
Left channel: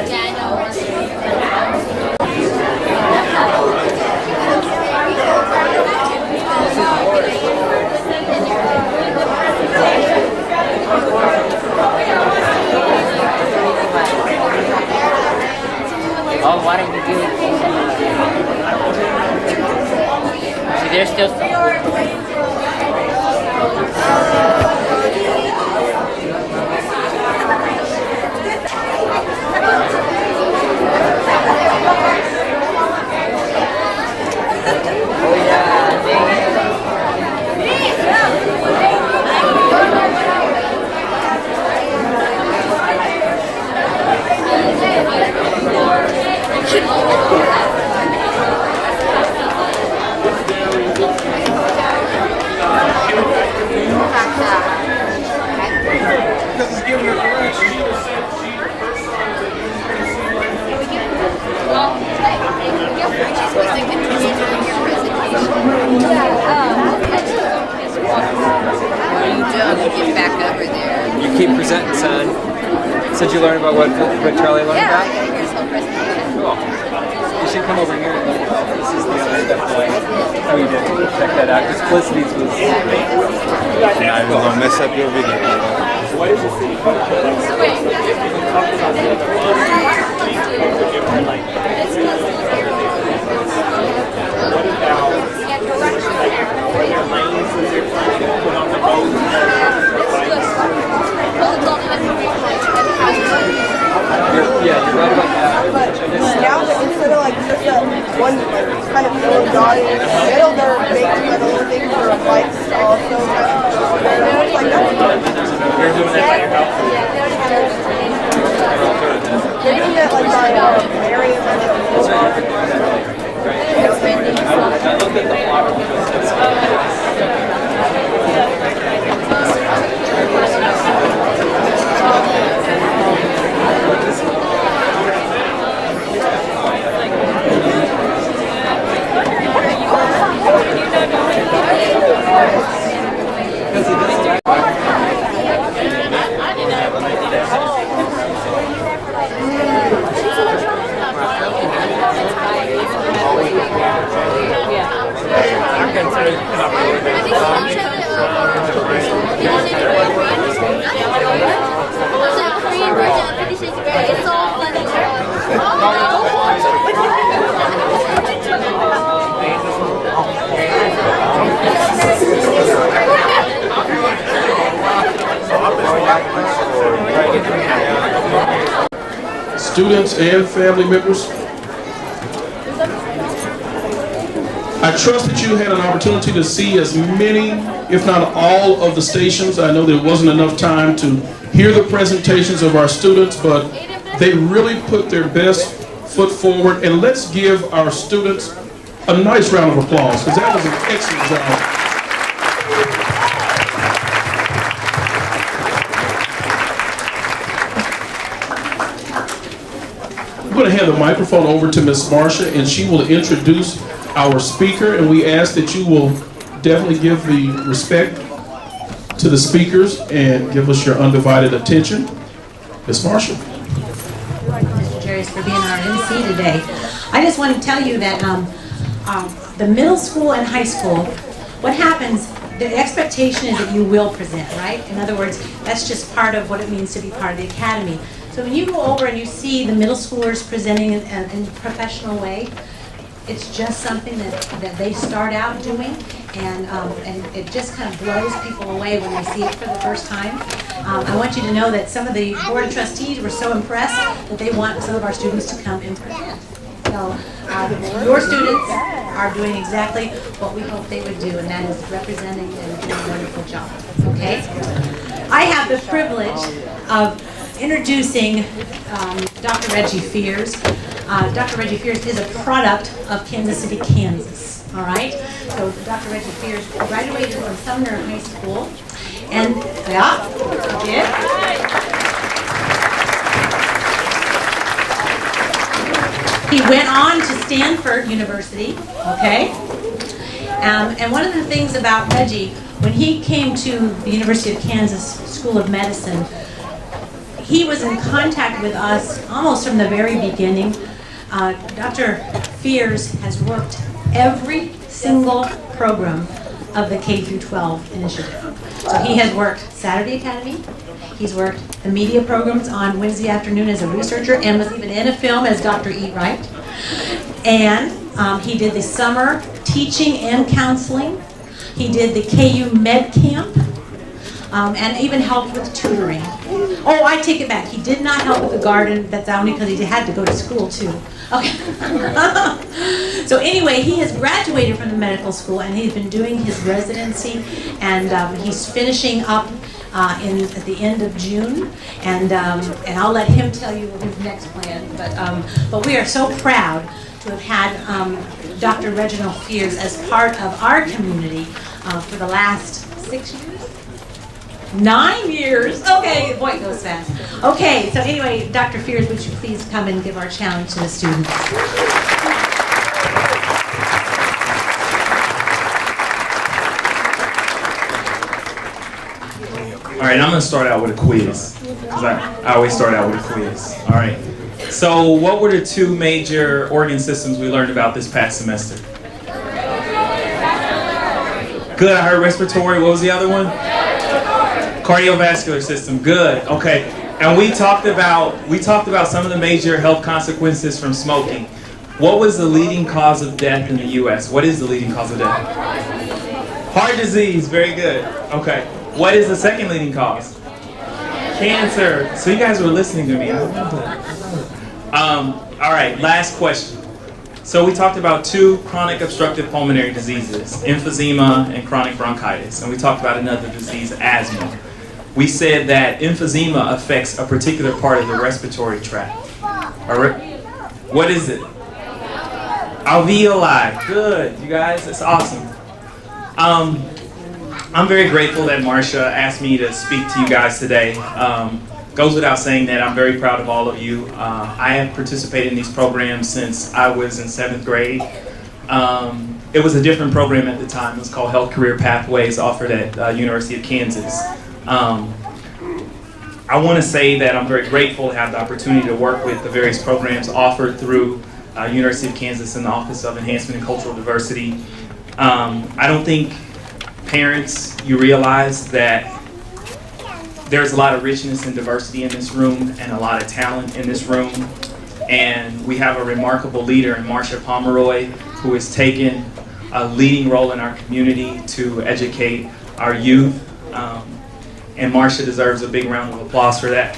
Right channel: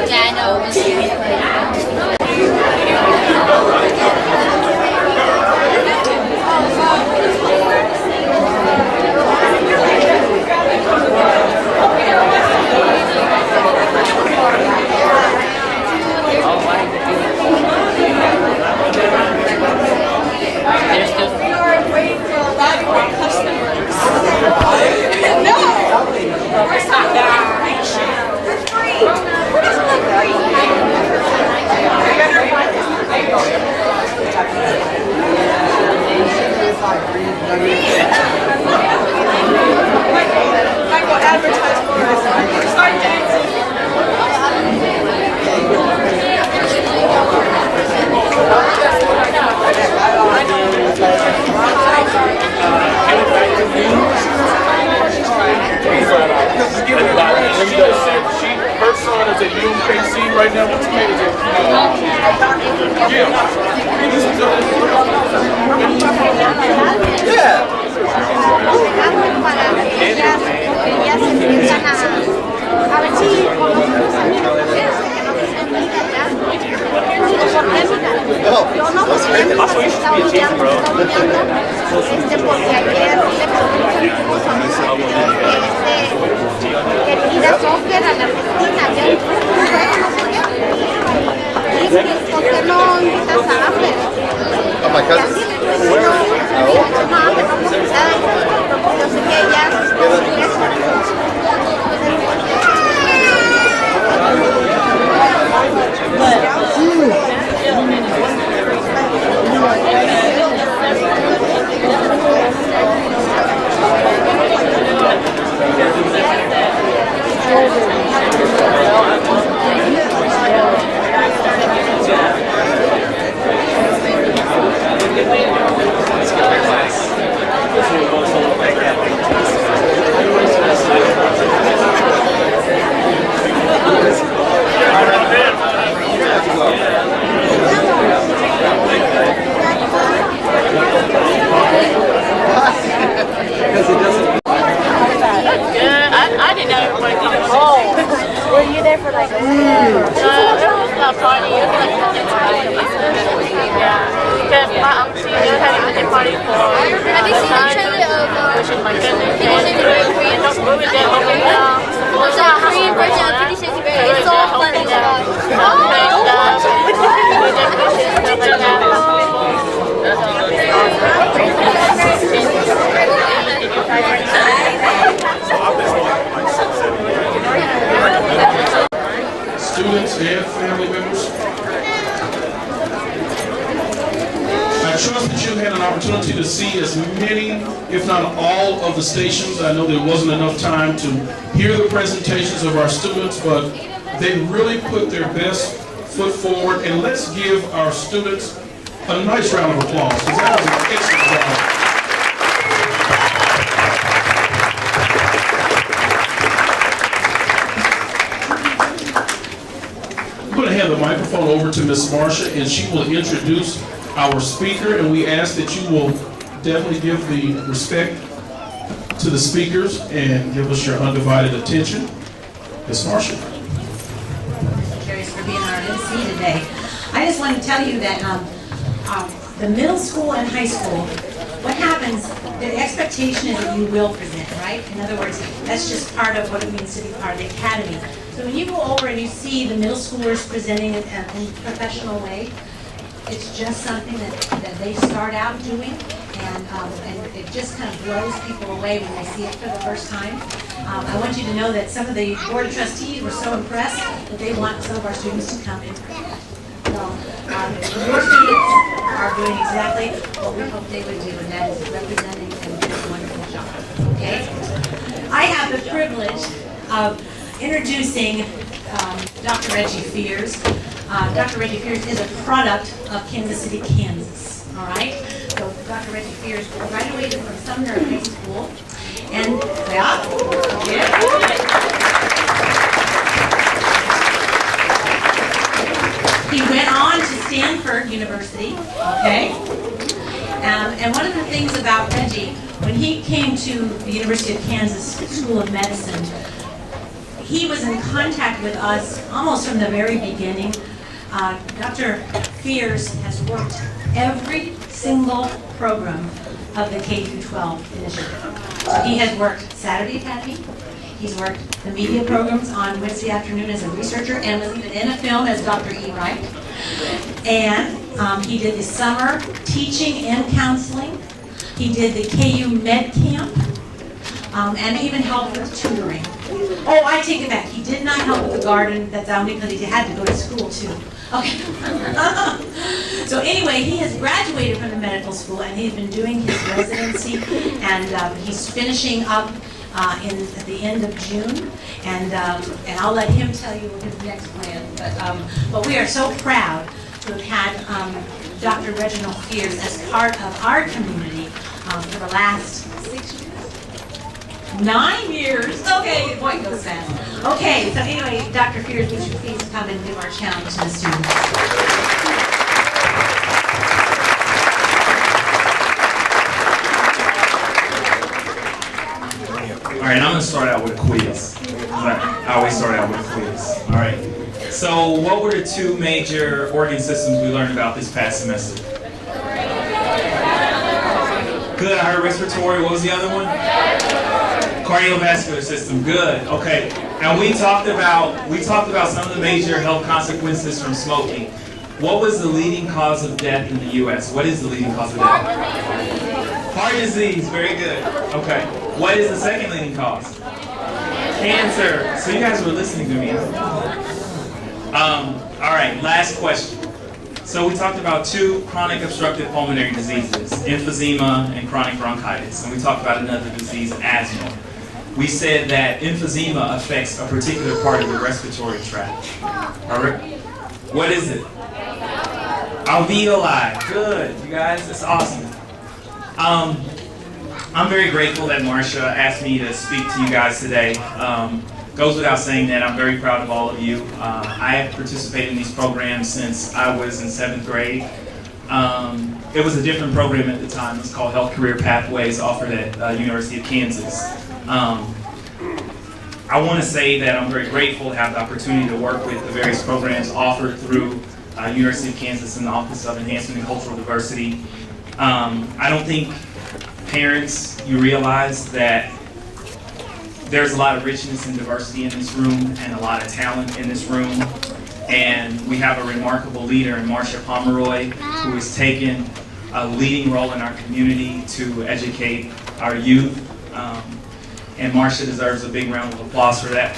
Yeah, I know. Oh, why did you do it? There's still some. Her son is at UKC right now. So did you learn about what Charlie learned about? Students and family members, I trust that you had an opportunity to see as many, if not all, of the stations. I know there wasn't enough time to hear the presentations of our students, but they really put their best foot forward. And let's give our students a nice round of applause, because that was an excellent job. I'm going to hand the microphone over to Ms. Marsha, and she will introduce our speaker, and we ask that you will definitely give the respect to the speakers and give us your undivided attention. Ms. Marsha. Mr. Jerry's for being our MC today. I just want to tell you that the middle school and high school, what happens, the expectation is that you will present, right? In other words, that's just part of what it means to be part of the academy. So when you go over and you see the middle schoolers presenting in a professional way, it's just something that they start out doing, and it just kind of blows people away when they see it for the first time. I want you to know that some of the board of trustees were so impressed that they want some of our students to come and present. So your students are doing exactly what we hoped they would do, and that is representing and doing a wonderful job. Okay? I have the privilege of introducing Dr. Reggie Fears. Dr. Reggie Fears is a product of Kansas City, Kansas. All right? So Dr. Reggie Fears graduated from Sumner High School. And, yeah. He went on to Stanford University, okay? And one of the things about Reggie, when he came to the University of Kansas School of Medicine, he was in contact with us almost from the very beginning. Dr. Fears has worked every single program of the K-12 initiative. So he has worked Saturday Academy, he's worked the media programs on Wednesday afternoon as a researcher, and was even in a film as Dr. E. Wright. And he did the summer teaching and counseling. He did the KU Med Camp, and even helped with tutoring. Oh, I take it back. He did not help with the garden. That's only because he had to go to school too. Okay. So anyway, he has graduated from the medical school, and he's been doing his residency, and he's finishing up at the end of June, and I'll let him tell you his next plan. But we are so proud to have had Dr. Reginald Fears as part of our community for the last 6 years? 9 years. Okay, boy, it goes fast. Okay, so anyway, Dr. Fears, would you please come and give our challenge to the students? All right, I'm going to start out with a quiz, because I always start out with a quiz. All right. So what were the 2 major organ systems we learned about this past semester? Good, I heard respiratory. What was the other one? Cardiovascular system. Good. Okay. And we talked about some of the major health consequences from smoking. What was the leading cause of death in the U.S.? What is the leading cause of death? Heart disease. Very good. Okay. What is the second leading cause? Cancer. So you guys were listening to me. All right. Last question. So we talked about 2 chronic obstructive pulmonary diseases, emphysema and chronic bronchitis. And we talked about another disease, asthma. We said that emphysema affects a particular part of the respiratory tract. What is it? Alveoli. Good, you guys. That's awesome. I'm very grateful that Marcia asked me to speak to you guys today. Goes without saying that I'm very proud of all of you. I have participated in these programs since I was in 7th grade. It was a different program at the time. It was called Health Career Pathways, offered at University of Kansas. I want to say that I'm very grateful to have the opportunity to work with the various programs offered through University of Kansas and the Office of Enhancement and Cultural Diversity. I don't think parents, you realize that there's a lot of richness and diversity in this room and a lot of talent in this room. And we have a remarkable leader in Marcia Pomeroy, who has taken a leading role in our community to educate our youth. And Marcia deserves a big round of applause for that.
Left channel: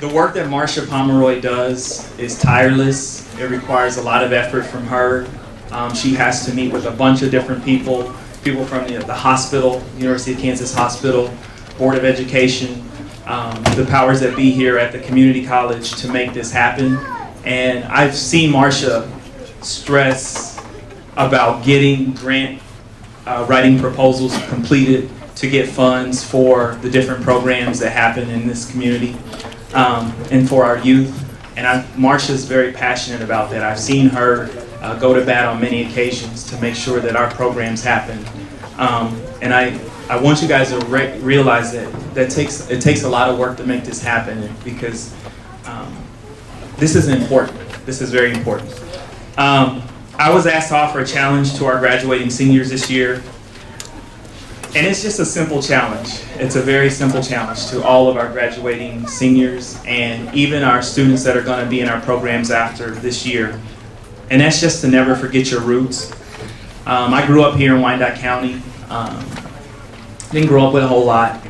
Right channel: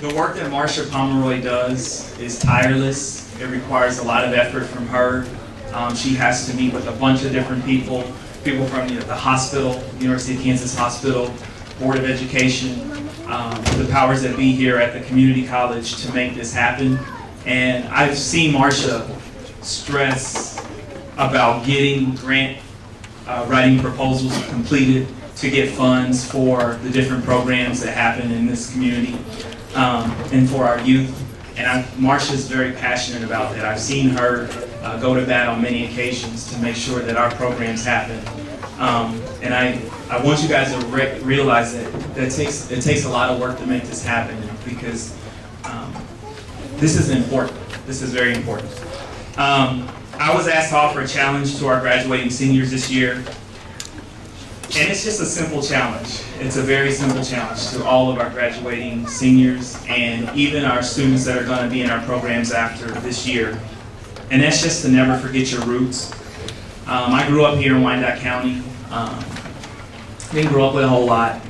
The work that Marcia Pomeroy does is tireless. It requires a lot of effort from her. She has to meet with a bunch of different people from the hospital, University of Kansas Hospital, Board of Education, the powers that be here at the community college to make this happen. And I've seen Marcia stress about getting grant writing proposals completed to get funds for the different programs that happen in this community and for our youth. And Marcia's very passionate about that. I've seen her go to bat on many occasions to make sure that our programs happen. And I want you guys to realize that it takes a lot of work to make this happen, because this is important. This is very important. I was asked to offer a challenge to our graduating seniors this year. And it's just a simple challenge. It's a very simple challenge to all of our graduating seniors and even our students that are going to be in our programs after this year. And that's just to never forget your roots. I grew up here in Wyandotte County. Didn't grow up with a whole lot,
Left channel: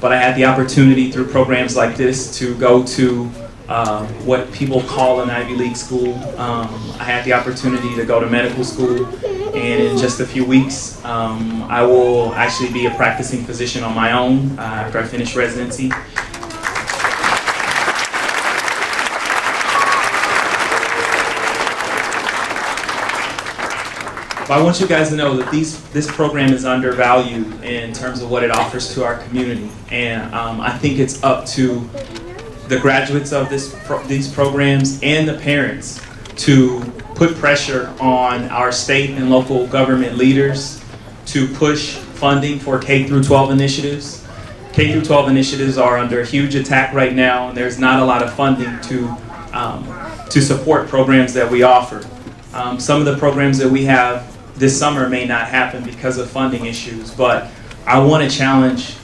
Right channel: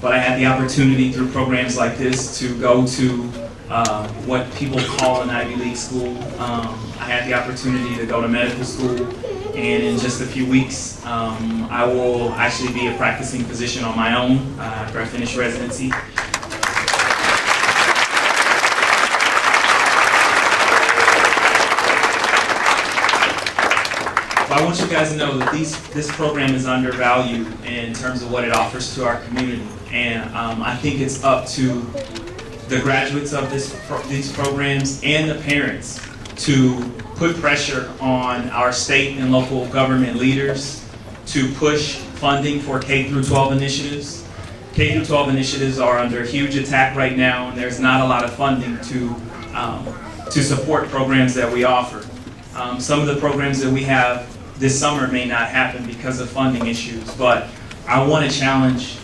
but I had the opportunity through programs like this to go to what people call an Ivy League school. I had the opportunity to go to medical school, and in just a few weeks, I will actually be a practicing physician on my own after I finish residency. But I want you guys to know that this program is undervalued in terms of what it offers to our community, and I think it's up to the graduates of these programs and the parents to put pressure on our state and local government leaders to push funding for K through 12 initiatives. K through 12 initiatives are under huge attack right now, and there's not a lot of funding to support programs that we offer. Some of the programs that we have this summer may not happen because of funding issues, but I want to challenge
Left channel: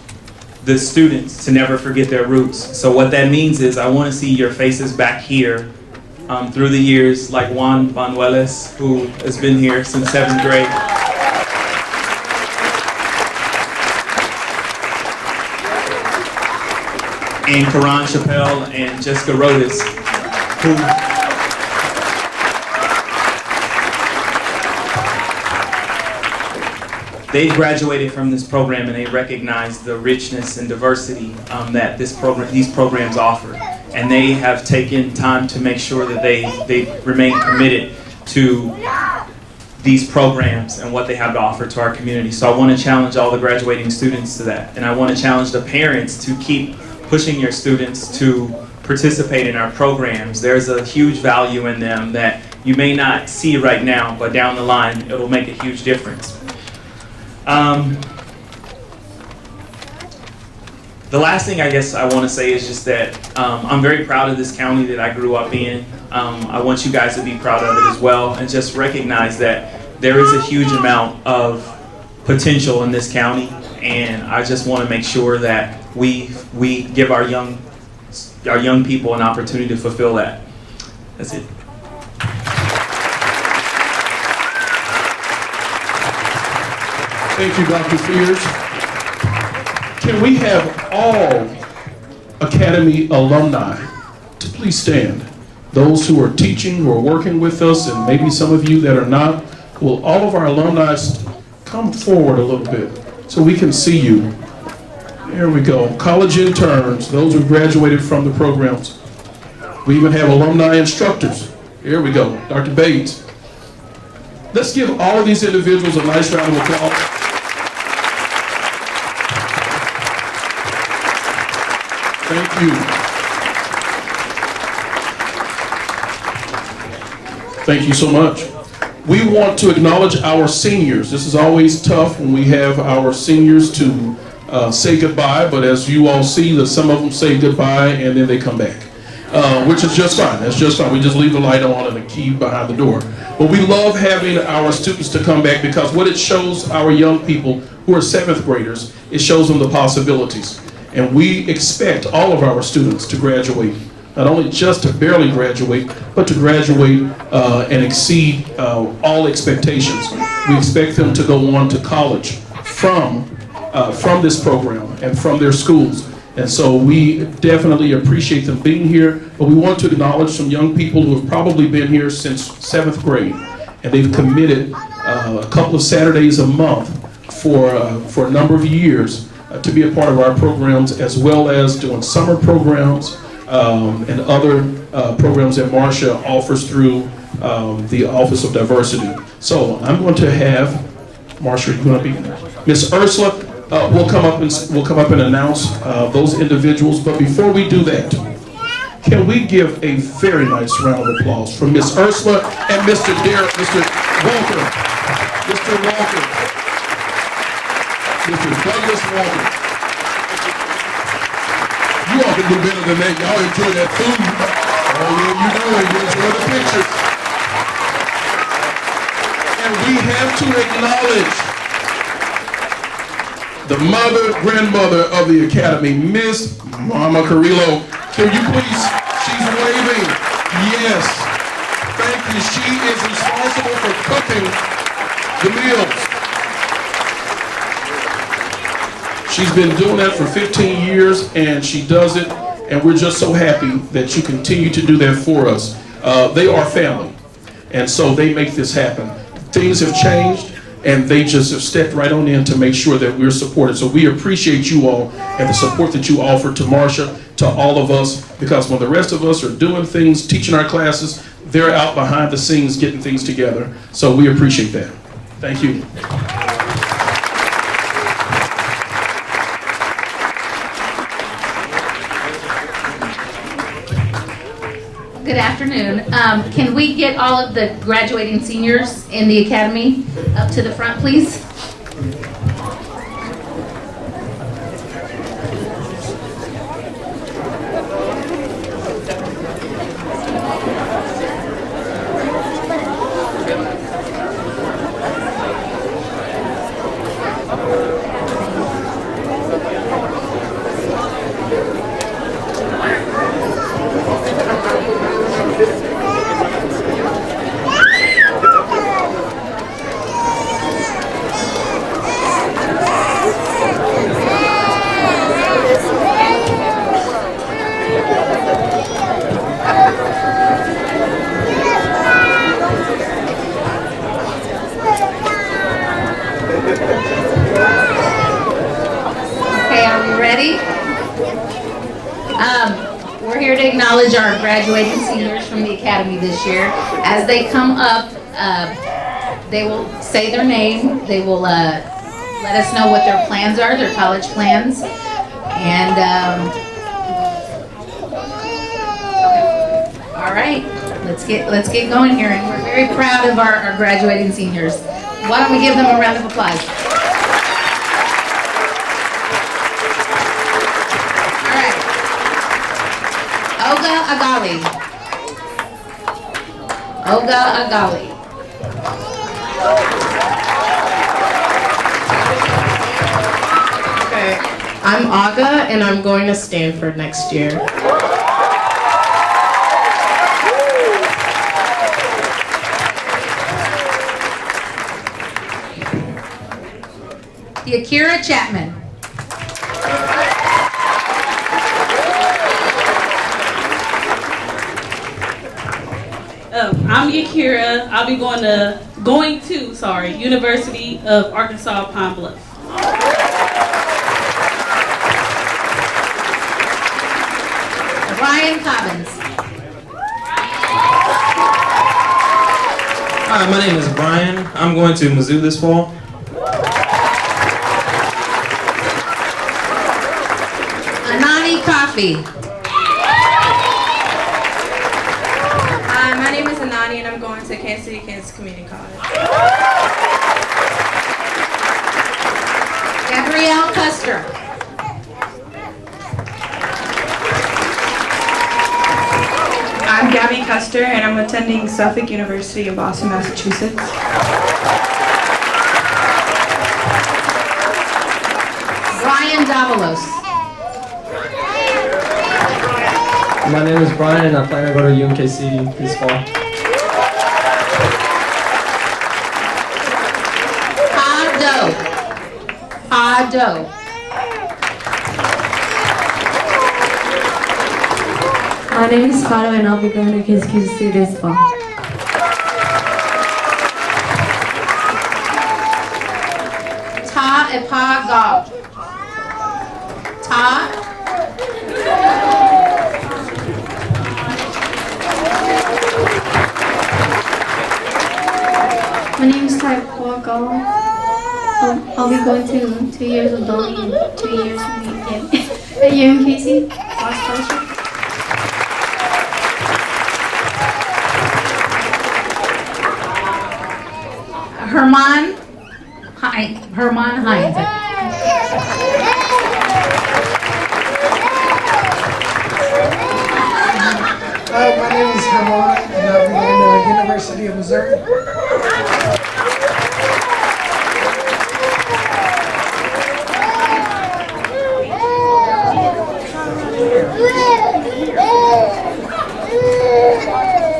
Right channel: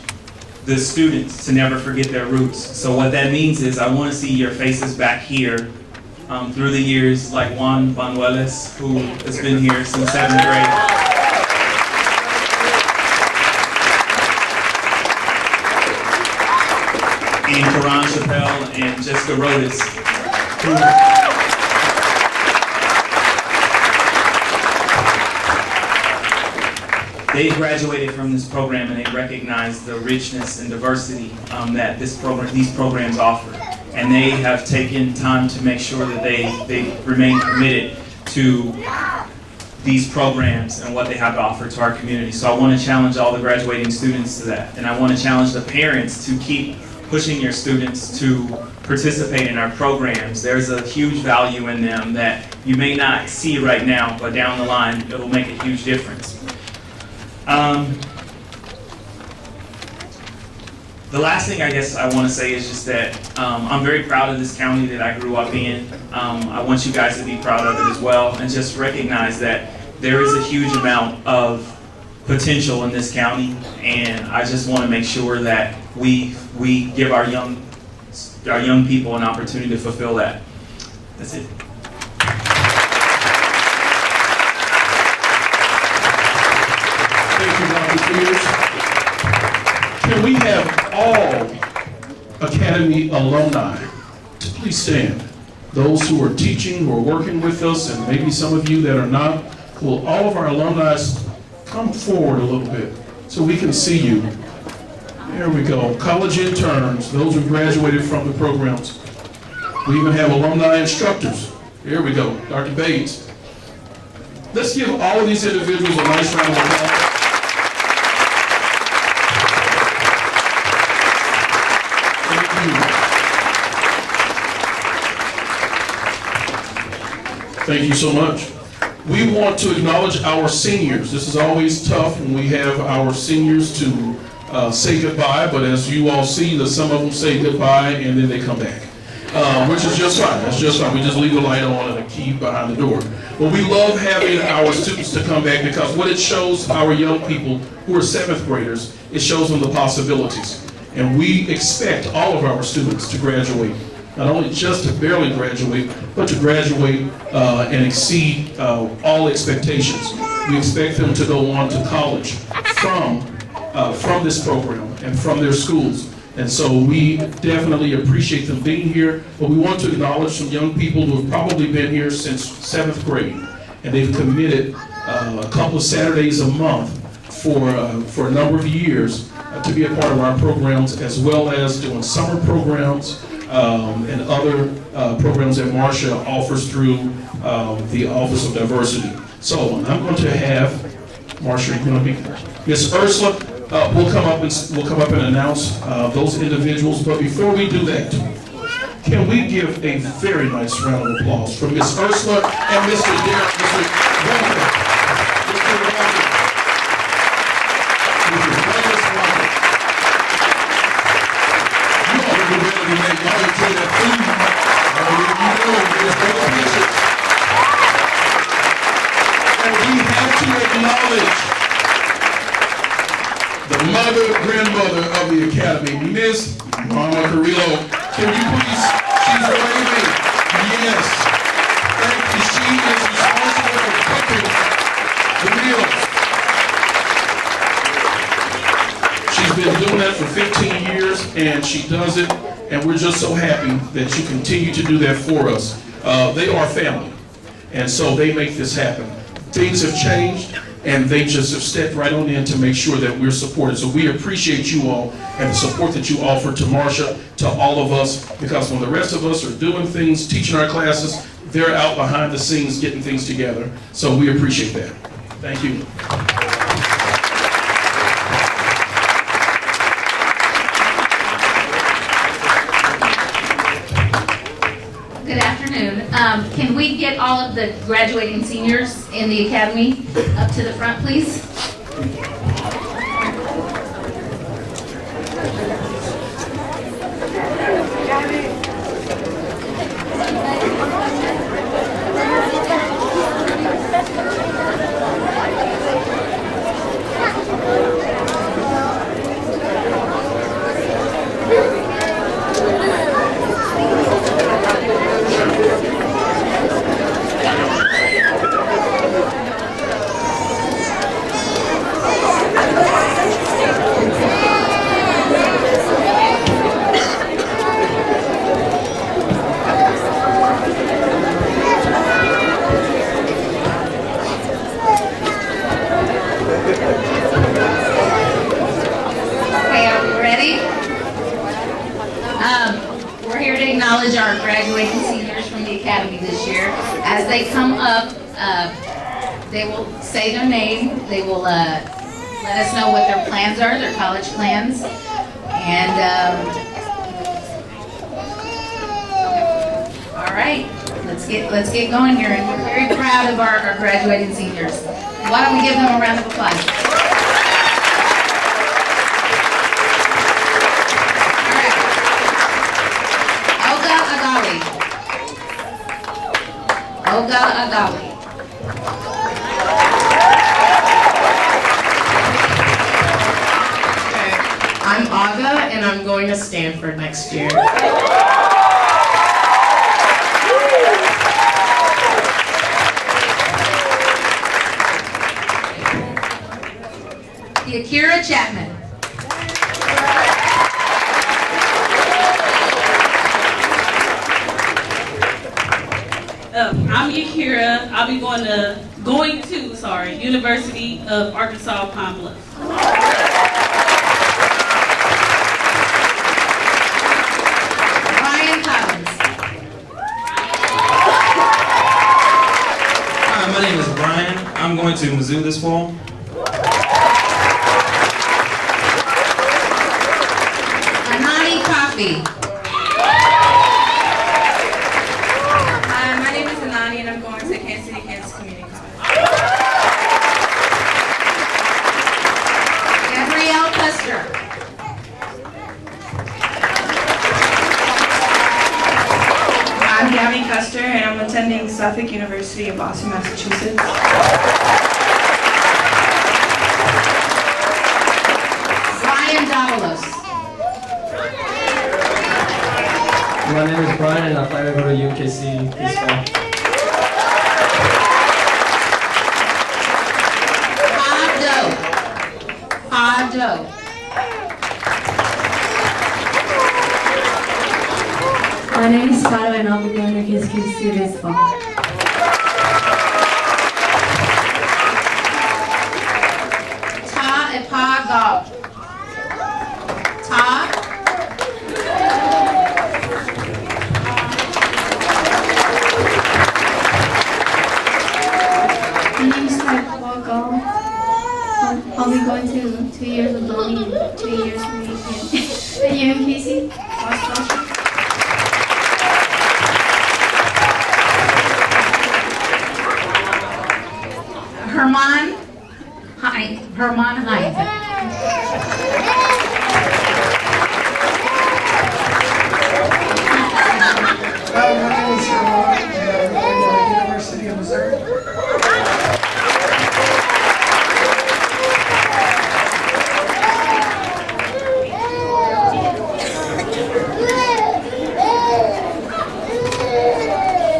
the students to never forget their roots. So what that means is I want to see your faces back here through the years, like Juan Banuelos, who has been here since 7th grade. And Karan Chappelle and Jessica Rodas, who they graduated from this program and they recognize the richness and diversity that these programs offer. And they have taken time to make sure that they remain committed to these programs and what they have to offer to our community. So I want to challenge all the graduating students to that. And I want to challenge the parents to keep pushing your students to participate in our programs. There's a huge value in them that you may not see right now, but down the line, it will make a huge difference. The last thing I guess I want to say is just that I'm very proud of this county that I grew up in. I want you guys to be proud of it as well, and just recognize that there is a huge amount of potential in this county, and I just want to make sure that we give our young people an opportunity to fulfill that. That's it. Thank you, Dr. Fears. Can we have all Academy alumni to please stand? Those who are teaching, who are working with us, and maybe some of you that are not, will all of our alumni come forward a little bit so we can see you? There we go. College interns, those who graduated from the programs. We even have alumni instructors. Here we go. Dr. Bates. Let's give all of these individuals a nice round of applause. Thank you. Thank you so much. We want to acknowledge our seniors. This is always tough when we have our seniors to say goodbye, but as you all see, that some of them say goodbye and then they come back, which is just fine. That's just fine. We just leave the light on and a key behind the door. But we love having our students to come back because what it shows our young people who are 7th graders, it shows them the possibilities. And we expect all of our students to graduate, not only just to barely graduate, but to graduate and exceed all expectations. We expect them to go on to college from this program and from their schools. And so we definitely appreciate them being here, but we want to acknowledge some young people who have probably been here since 7th grade, and they've committed a couple of Saturdays a month for a number of years to be a part of our programs, as well as doing summer programs and other programs that Marcia offers through the Office of Diversity. So I'm going to have Marcia, you're going to be Miss Ursula. We'll come up and announce those individuals. But before we do that, can we give a very nice round of applause for Miss Ursula and Mr. Walker. Mr. Walker. Mr. Douglas Walker. You ought to be better than that. Y'all enjoy that food. Oh, yeah, you know, enjoy the pictures. And we have to acknowledge the grandmother of the Academy, Miss Mama Carrillo. Can you please, she's waving. Yes. Thank you. She is responsible for cooking the meals. She's been doing that for 15 years, and she does it, and we're just so happy that you continue to do that for us. They are family, and so they make this happen. Things have changed, and they just have stepped right on in to make sure that we're supported. So we appreciate you all and the support that you offer to Marcia, to all of us, because when the rest of us are doing things, teaching our classes, they're out behind the scenes getting things together. So we appreciate that. Thank you. Good afternoon. Can we get all of the graduating seniors in the academy up to the front, please? We're here to acknowledge our graduating seniors from the Academy this year. As they come up, they will say their name. They will let us know what their plans are, their college plans. And, all right, let's get going here. And we're very proud of our graduating seniors. Why don't we give them a round of applause? Olga Agali. Okay, I'm Aga and I'm going to Stanford next year. The Akira Chapman. I'm Yakira. I'll be going to University of Arkansas Pine Bluff. Ryan Collins. Hi, my name is Brian. I'm going to Mizzou this fall. Anani Coffee. My name is Anani and I'm going to Kansas City, Kansas Community College. Gabrielle Custer. I'm Gabby Custer and I'm attending Suffolk University in Boston, Massachusetts. Brian Davalos. My name is Brian and I plan to go to UMKC this fall. Ado. My name is Faro and I'll be going to KSQC this fall. Ta Epa Gaw. Ta. My name is Tai Gaw. I'll be going to 2 years of building, 2 years at UMKC. Herman Hines. My name is Herman and I'm going to the University of Missouri.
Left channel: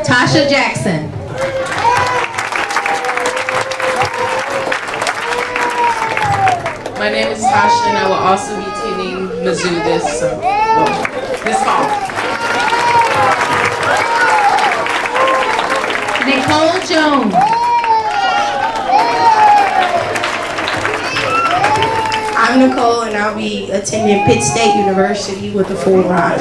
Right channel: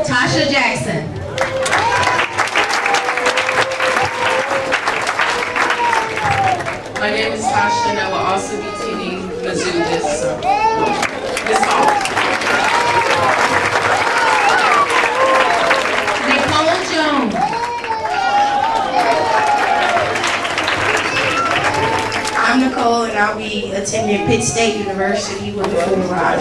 Tasha Jackson. My name is Tasha and I will also be attending Mizzou this fall. Nicole Jones. I'm Nicole and I'll be attending Pitt State University with the full ride.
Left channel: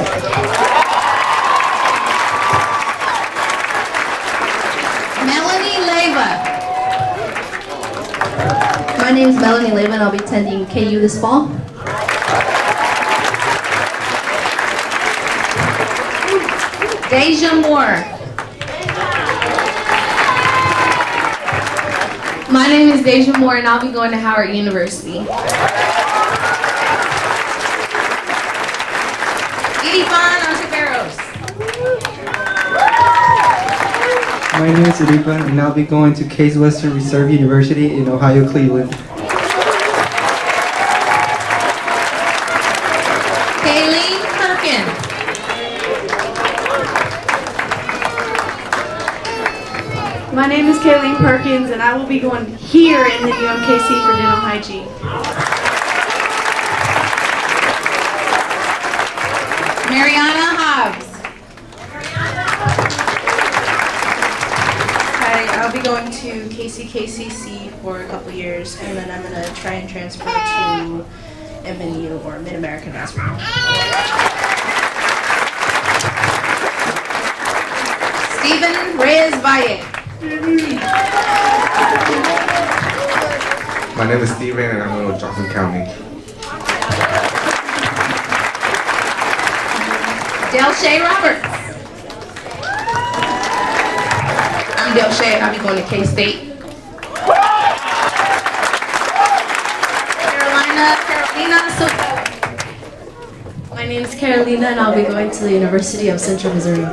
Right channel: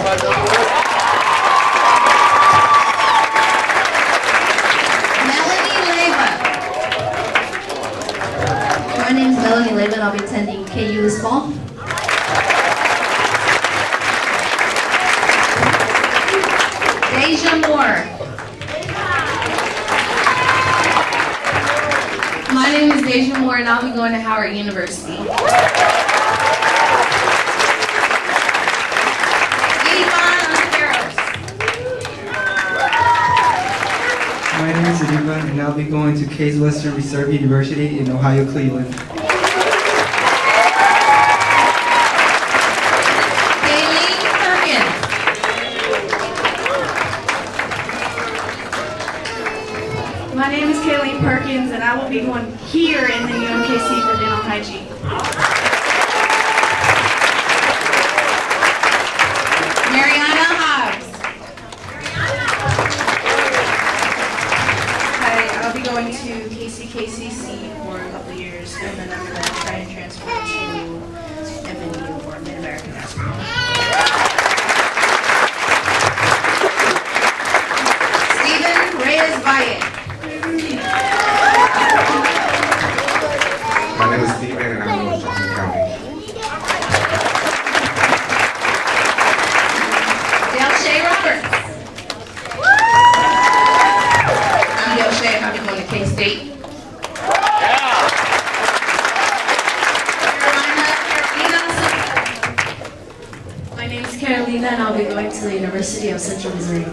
My name is Melanie Lehman. I'll be attending KU this fall. Deja Moore. My name is Deja Moore, and I'll be going to Howard University. My name is Sadipa, and I'll be going to Case Western Reserve University in Ohio, Cleveland. Kayleen Perkins. My name is Kayleen Perkins, and I will be going here in the UMKC for dental hygiene. Mariana Hobbs. Hi, I'll be going to KCKCC for a couple years, and then I'm going to try and transfer to MNU or Mid-American Basketball. Stephen Reyes Valle. My name is Steven, and I'm going to Johnson County. Delshay Roberts. I'm Delshay, and I'll be going to K-State. My name is Carolina, and I'll be going to the University of Central Missouri.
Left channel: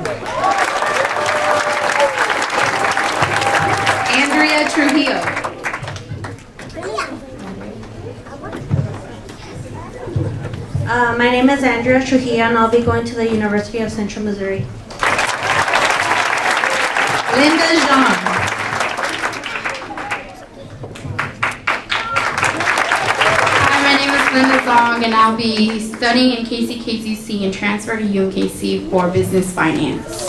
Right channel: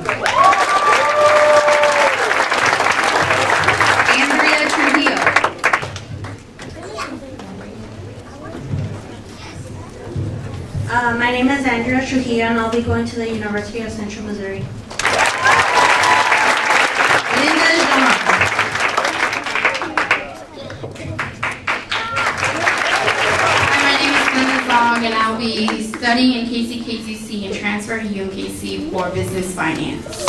Andrea Trujillo. My name is Andrea Trujillo, and I'll be going to the University of Central Missouri. Linda Jean. Hi, my name is Linda Zong, and I'll be studying in KCKCC and transfer to UMKC for business finance.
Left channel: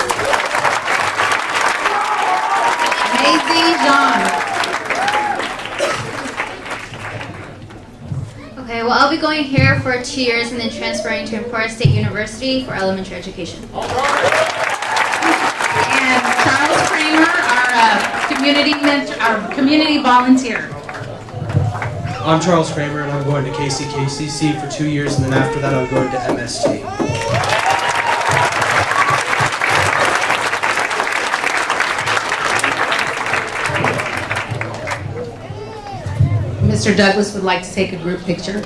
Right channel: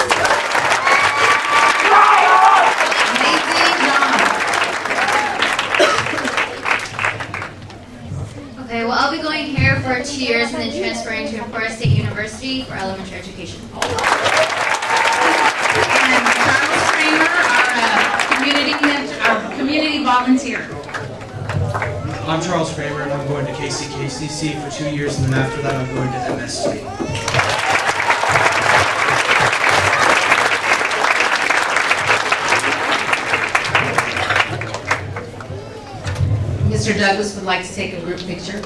Maisie John. Okay, well, I'll be going here for 2 years and then transferring to Empire State University for elementary education. And Charles Kramer, our community volunteer. I'm Charles Kramer, and I'm going to KCKCC for 2 years, and then after that I'm going to MST. Mr. Douglas would like to take a group picture.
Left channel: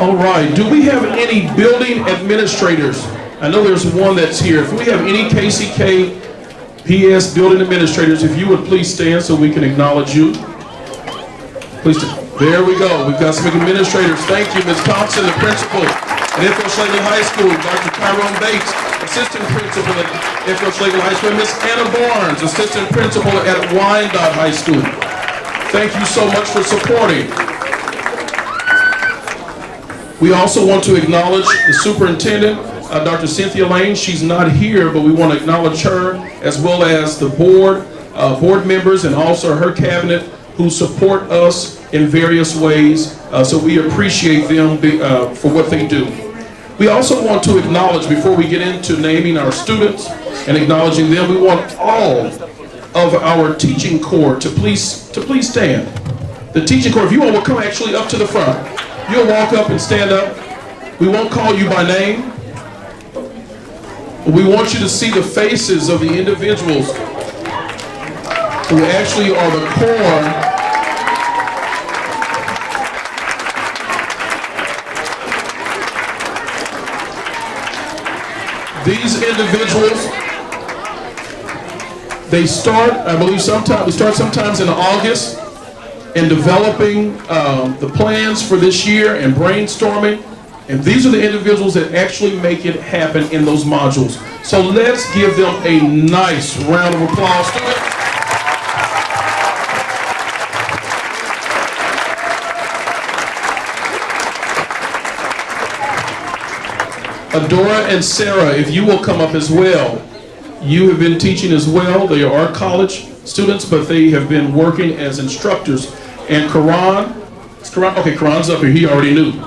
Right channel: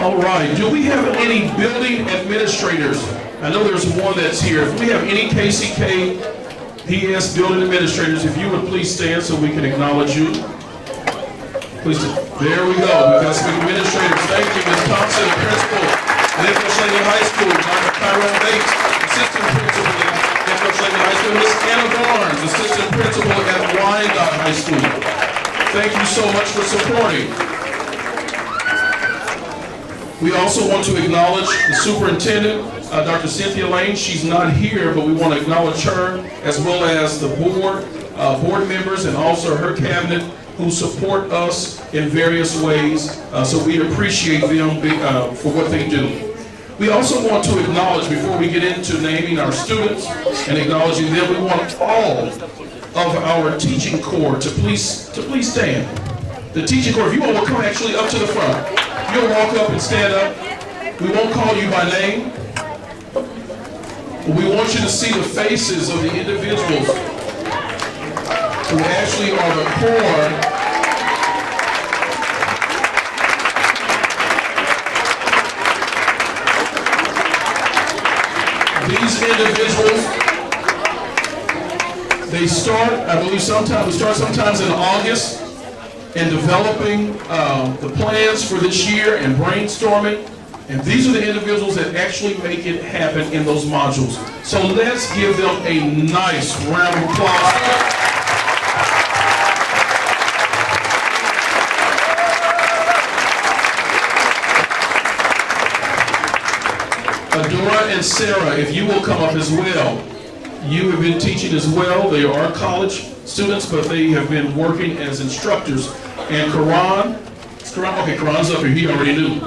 All right, do we have any building administrators? I know there's one that's here. If we have any KCK PS building administrators, if you would please stand so we can acknowledge you. Please, there we go. We've got some administrators. Thank you, Ms. Thompson, the principal at Enfield-Slavely High School, Dr. Tyrone Bates, assistant principal at Enfield-Slavely High School, Ms. Anna Barnes, assistant principal at Wyandotte High School. Thank you so much for supporting. We also want to acknowledge the superintendent, Dr. Cynthia Lane. She's not here, but we want to acknowledge her, as well as the board members, and also her cabinet, who support us in various ways. So we appreciate them for what they do. We also want to acknowledge, before we get into naming our students and acknowledging them, we want all of our teaching corps to please stand. The teaching corps, if you all will come actually up to the front. You'll walk up and stand up. We won't call you by name. But we want you to see the faces of the individuals who actually are the core these individuals, they start, I believe sometimes in August in developing the plans for this year and brainstorming. And these are the individuals that actually make it happen in those modules. So let's give them a nice round of applause. Adora and Sarah, if you will come up as well. You have been teaching as well. They are college students, but they have been working as instructors. And Karan, okay, Karan's up here. He already knew.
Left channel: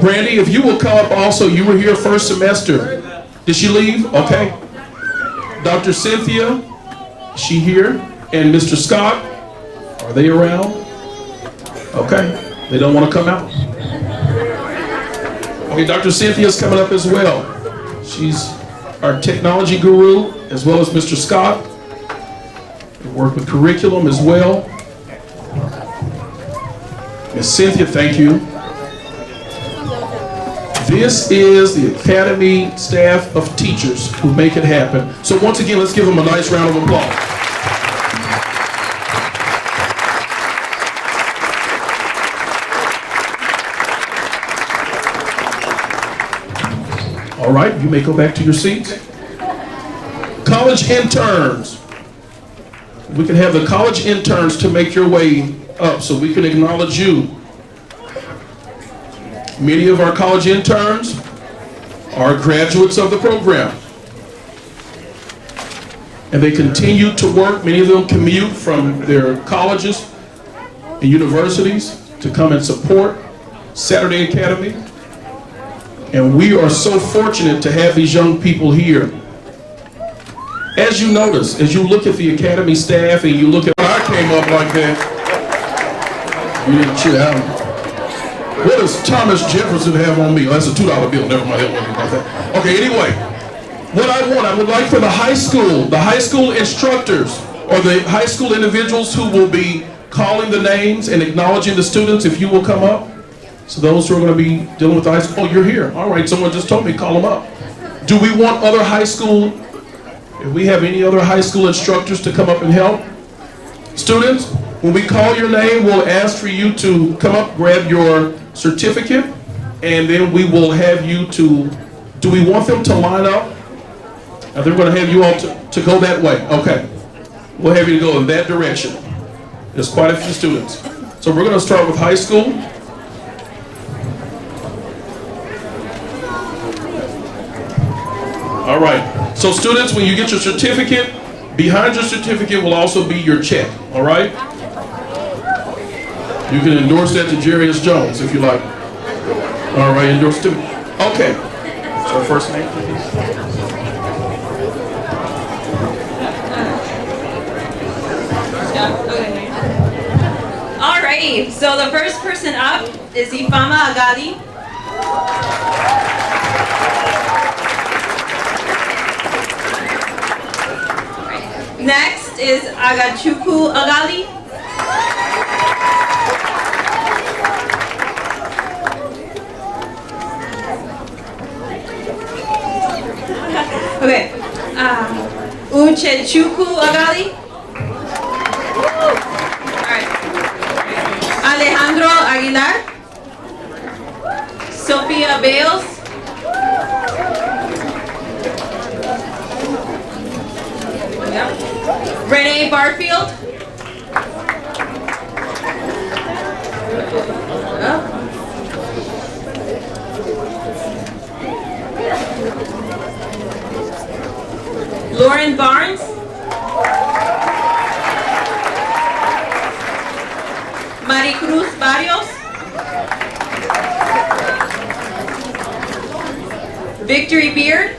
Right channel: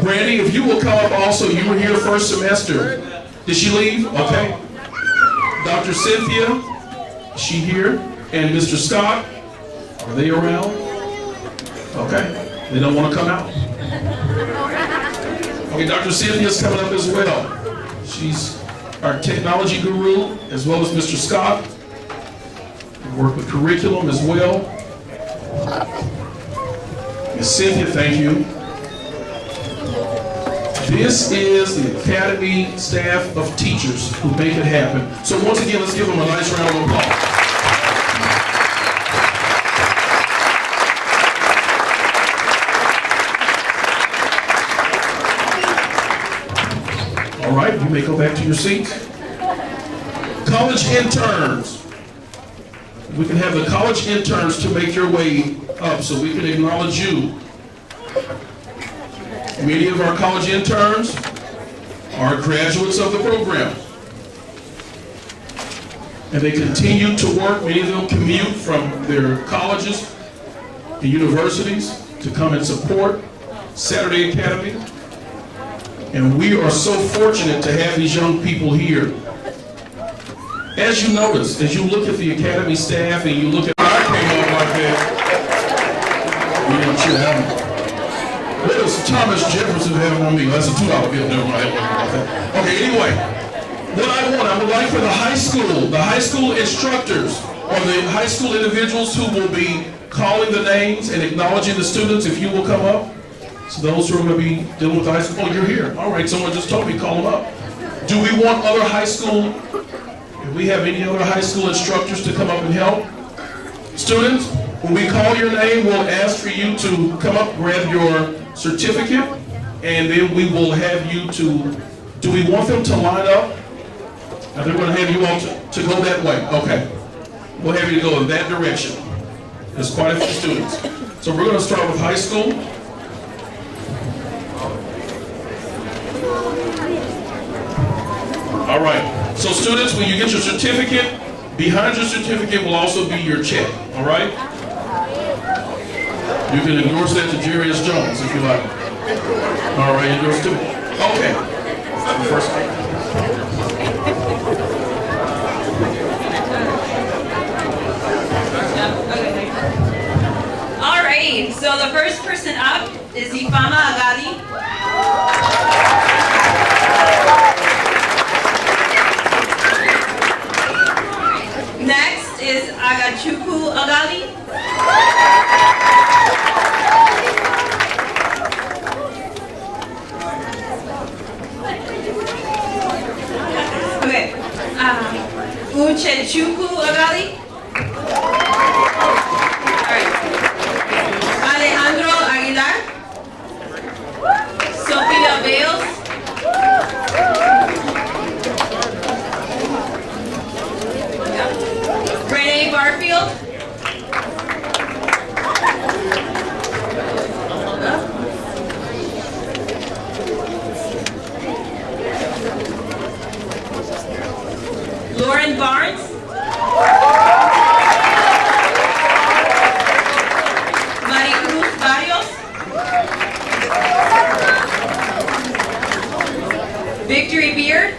Brandy, if you will come up also. You were here first semester. Did she leave? Okay. Dr. Cynthia, is she here? And Mr. Scott, are they around? Okay. They don't want to come out. Okay, Dr. Cynthia's coming up as well. She's our technology guru, as well as Mr. Scott. We work with curriculum as well. Ms. Cynthia, thank you. This is the Academy staff of teachers who make it happen. So once again, let's give them a nice round of applause. All right, you may go back to your seats. College interns. We can have the college interns to make your way up so we can acknowledge you. Many of our college interns are graduates of the program. And they continue to work. Many of them commute from their colleges and universities to come and support Saturday Academy. And we are so fortunate to have these young people here. As you notice, as you look at the Academy staff and you look at, I came up like that. You didn't shoot out. What does Thomas Jefferson have on me? That's a $2 bill, never mind. Okay, anyway, what I would like for the high school instructors, or the high school individuals who will be calling the names and acknowledging the students, if you will come up. So those who are going to be dealing with high school, you're here. All right, someone just told me, call them up. Do we want other high school, if we have any other high school instructors to come up and help? Students, when we call your name, we'll ask for you to come up, grab your certificate, and then we will have you to, do we want them to line up? They're going to have you all to go that way. Okay. We'll have you to go in that direction. There's quite a few students. So we're going to start with high school. All right. So students, when you get your certificate, behind your certificate will also be your check. All right? You can endorse that to Jerry S. Jones if you like. All right, endorse to. Okay. So first name. All right. So the first person up is Ifama Agadi. Next is Agachuku Agali. Okay. Uchechuku Agali. Alright. Alejandro Aguilar. Sophia Bales. Yep. Renee Barfield. Lauren Barnes. Maricruz Barrios. Victory Beard.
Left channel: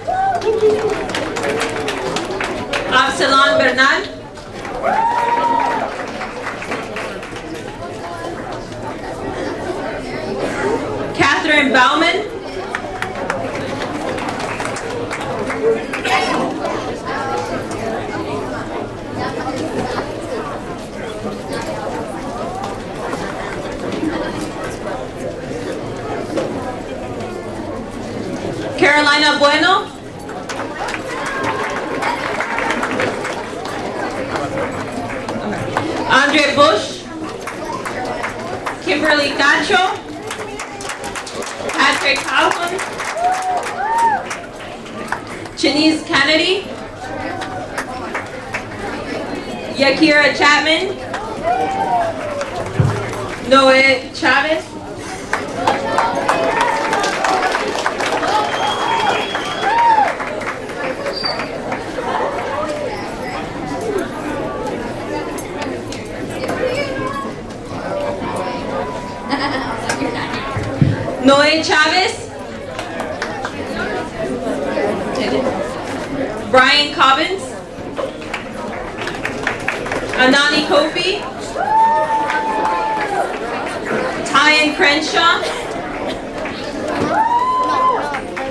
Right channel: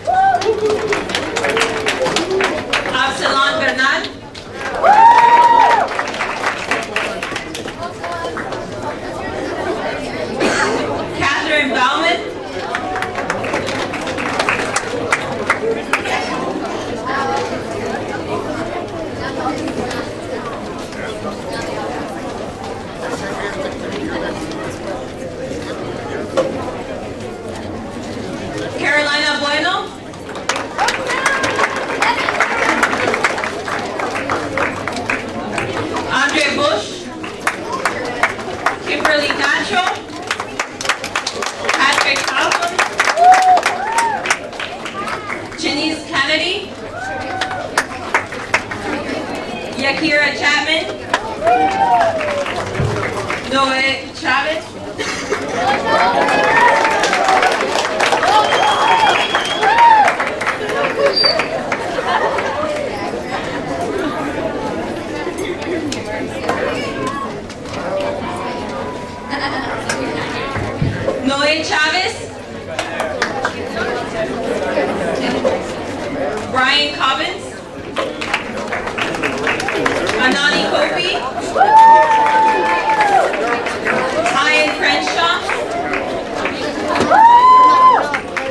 Absalon Bernal. Karen Bauman. Carolina Bueno. Andre Bush. Kimberly Nacho. Patrick Kaufman. Janice Kennedy. Yakira Chapman. Noe Chavez. Noe Chavez. Brian Cobbins. Anani Kofi. Tyan Crenshaw.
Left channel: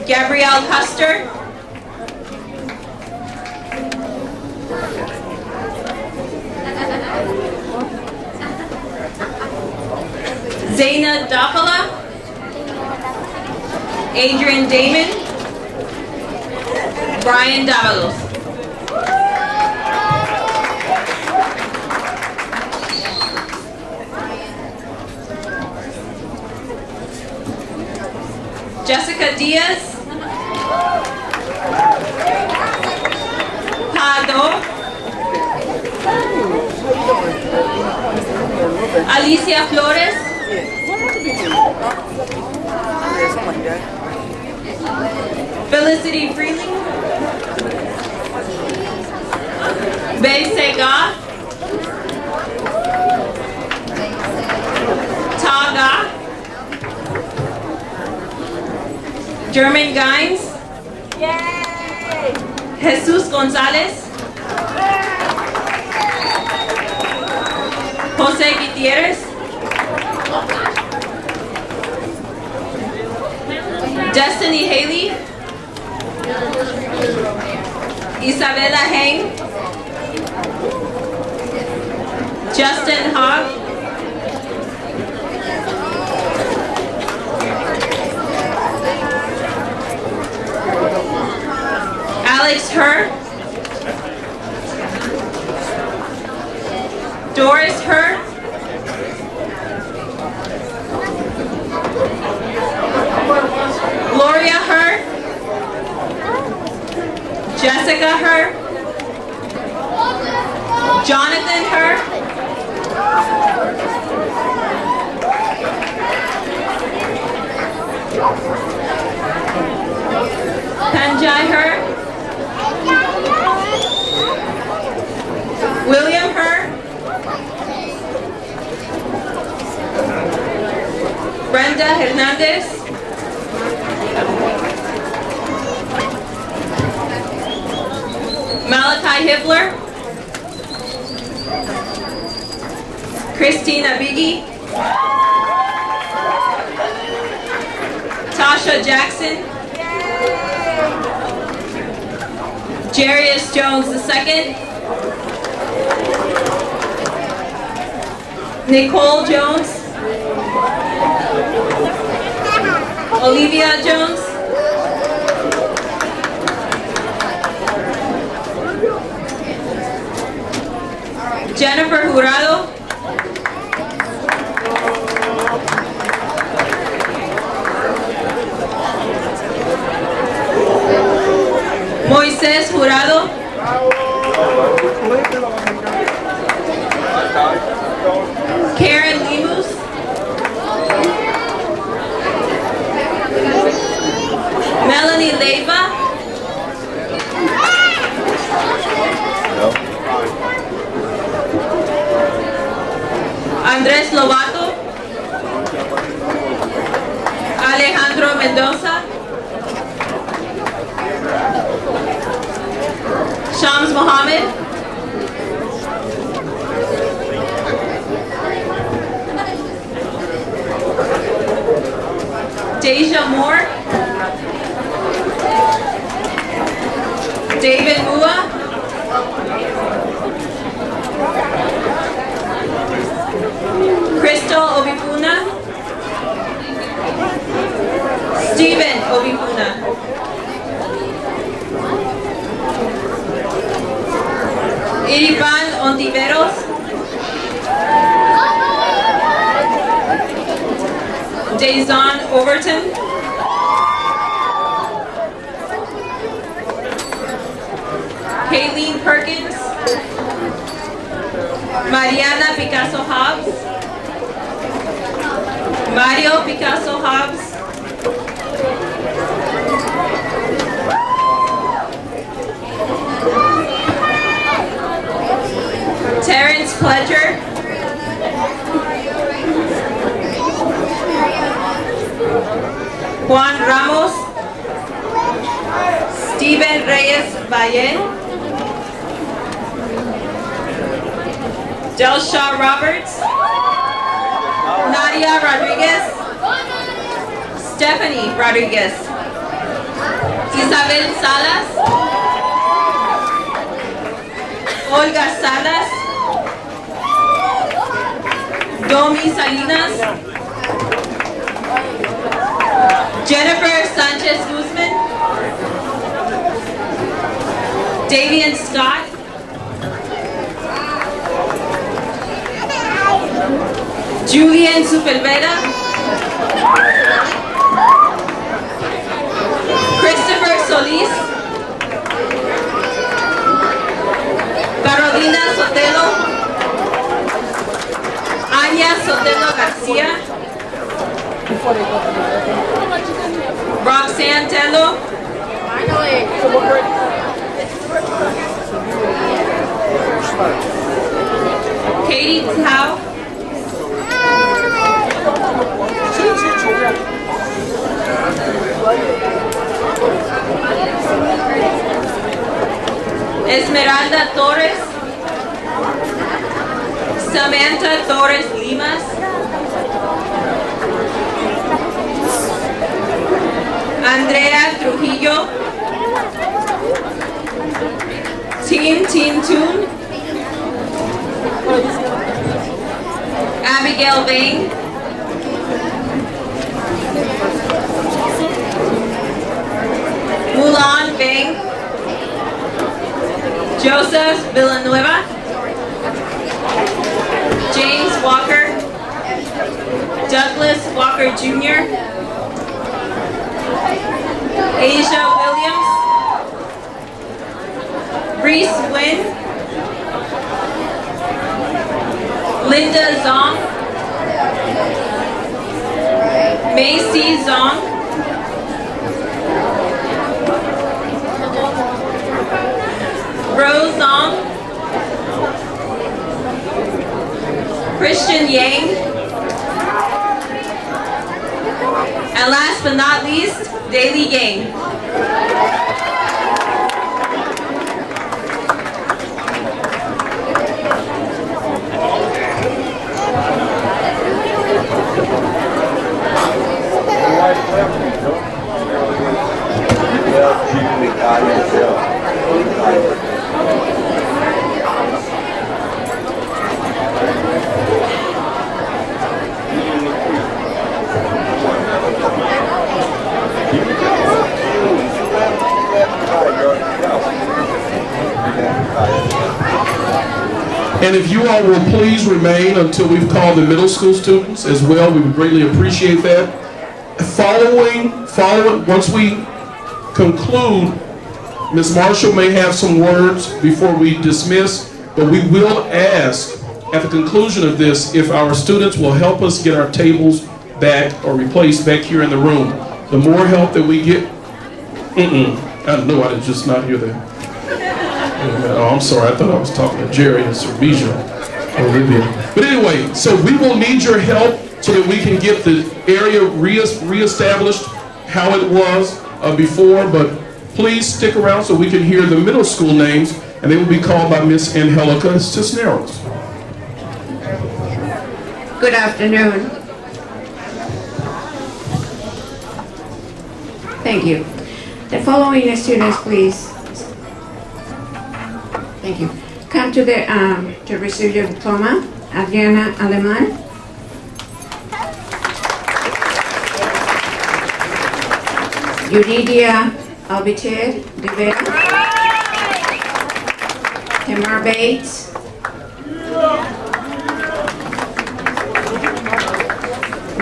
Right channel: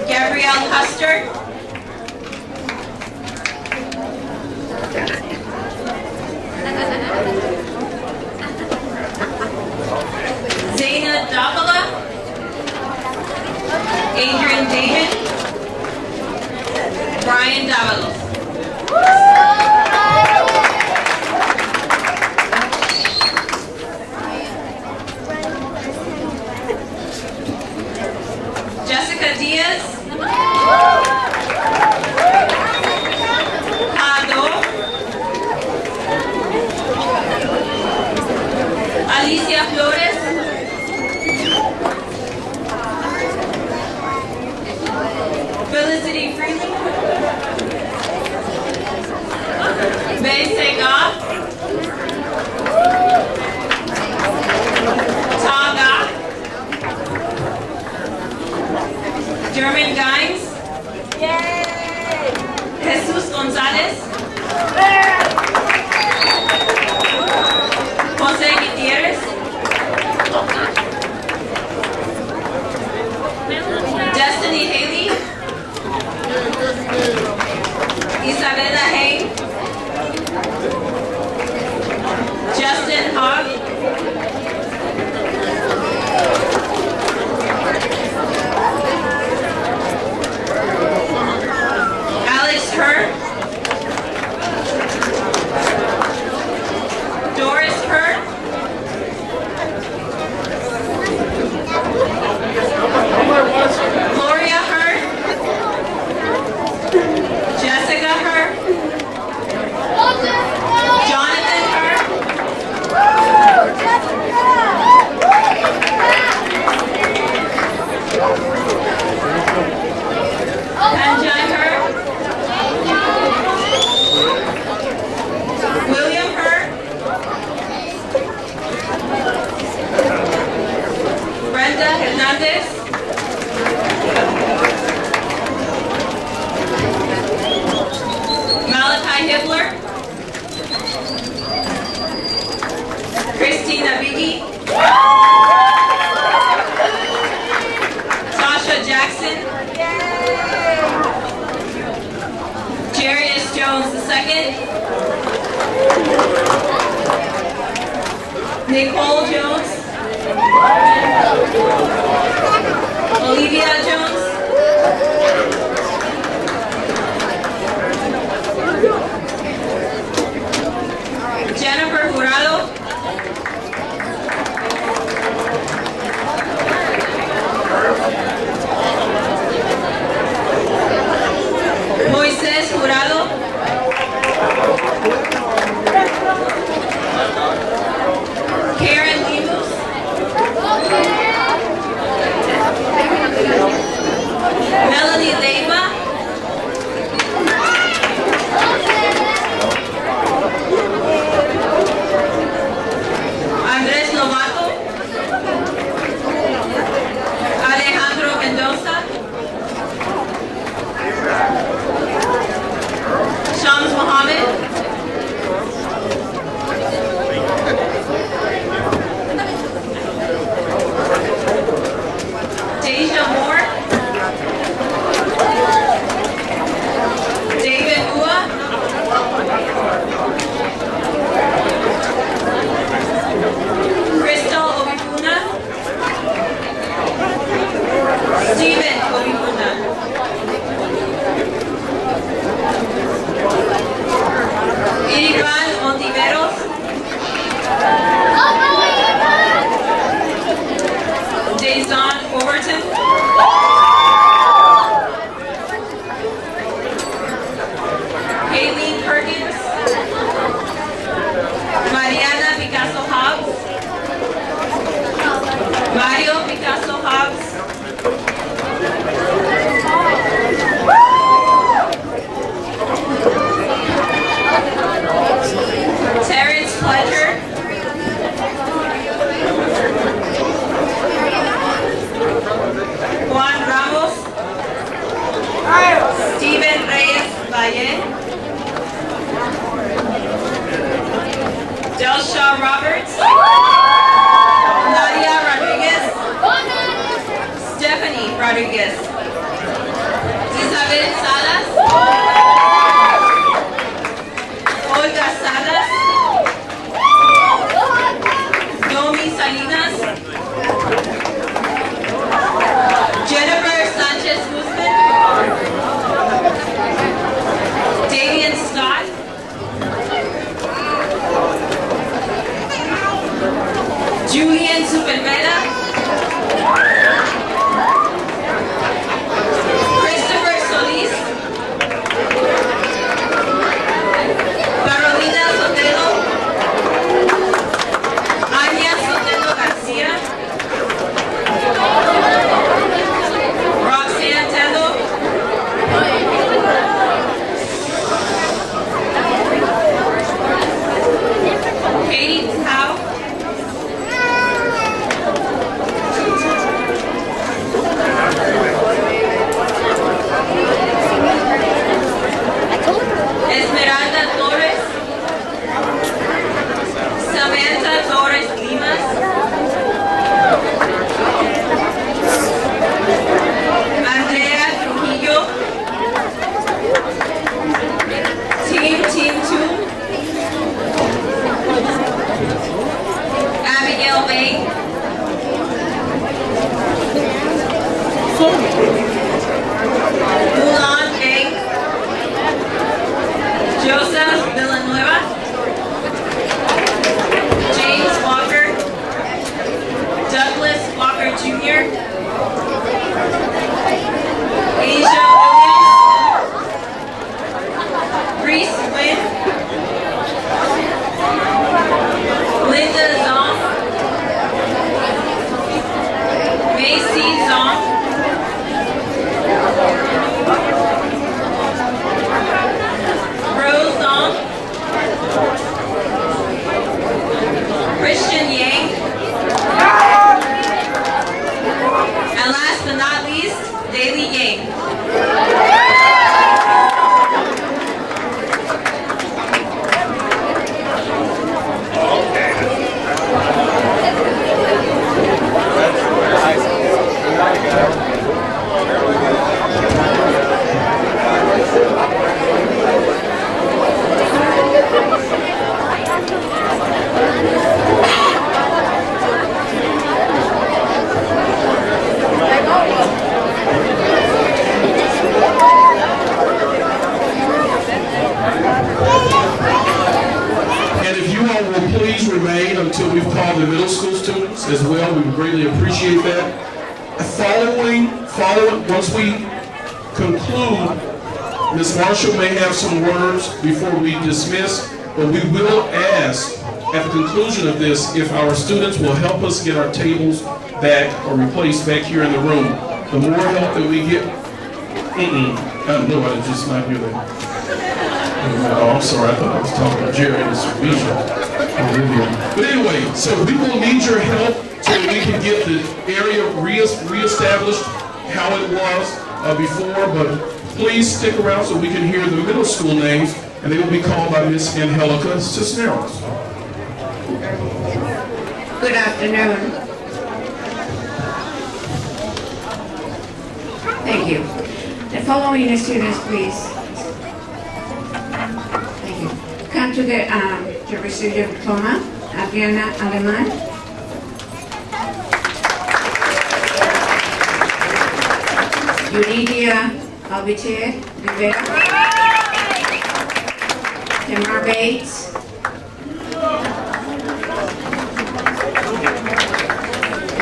Gabrielle Custer. Zaina Dapala. Adrian David. Brian Davalos. Jessica Diaz. Tado. Alicia Flores. Felicity Freeling. Ben Sega. Taga. German Gaines. Yay! Jesus Gonzalez. Jose Gutierrez. Destiny Haley. Isabella Hain. Justin Hogg. Alex Hurd. Doris Hurd. Gloria Hurd. Jessica Hurd. Jonathan Hurd. Panjai Hurd. William Hurd. Brenda Hernandez. Malachi Hibbler. Christina Biggie. Tasha Jackson. Jarius Jones II. Nicole Jones. Olivia Jones. Jennifer Jurado. Moisés Jurado. Karen Lemus. Deja Moore, David Ua, Crystal Obipuna, Steven Obipuna, Irivan Ontiveros, Dazon Overton, Kayleen Perkins, Mariana Picasso Hobbs, Mario Picasso Hobbs, Terrence Pledger, Juan Ramos, Steven Reyes Valle, Delsha Roberts, Nadia Rodriguez, Stephanie Rodriguez, Isabel Salas, Olga Salas, Domi Salinas, Jennifer Sanchez Guzman, Damian Scott, Julian Superveda, Christopher Solis, Carolina Sotelo, Anya Sotelo Garcia, Roxanne Tando, Katie Tao, Esmeralda Torres, Samantha Torres Limas, Andrea Trujillo, Team Toon, Abigail Bain, Mulan Bang, Joseph Villanueva, James Walker, Douglas Walker Jr., Asia Williams, Reese Wynn, Linda Zong, Macy Zong, Rose Zong, Christian Yang, and last but not least, Daily Yang. And if you all will please remain until we've called the middle school students as well, we would greatly appreciate that. Following, once we conclude, Ms. Marshall may have some words before we dismiss, but we will ask at the conclusion of this if our students will help us get our tables back or replaced back here in the room. The more help that we get, I know I did just not hear that. Oh, I'm sorry, I thought I was talking to Jerry and Servisha. But anyway, so we will need your help so that we can get the area reestablished how it was before, but please stick around so we can hear the middle school names, and they will be called by Miss Angelica Cisneros. Good afternoon. you. The following students, please. Thank you. Come to receive your diploma. Adriana Aleman. Yuridia Albiter Rivera. Tamar Bates.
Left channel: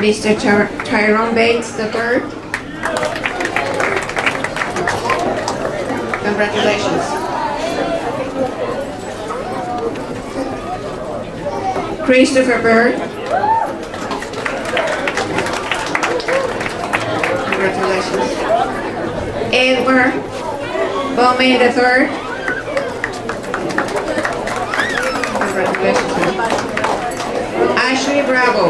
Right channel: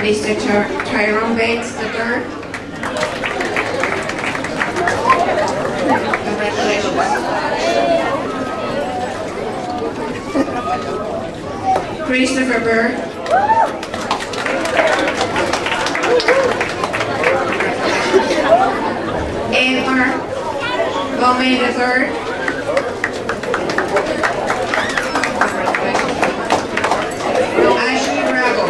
Mr. Tyrone Bates III. Congratulations. Christopher Bird. Congratulations. Edward Bowman III. Congratulations. Ashley Bravo.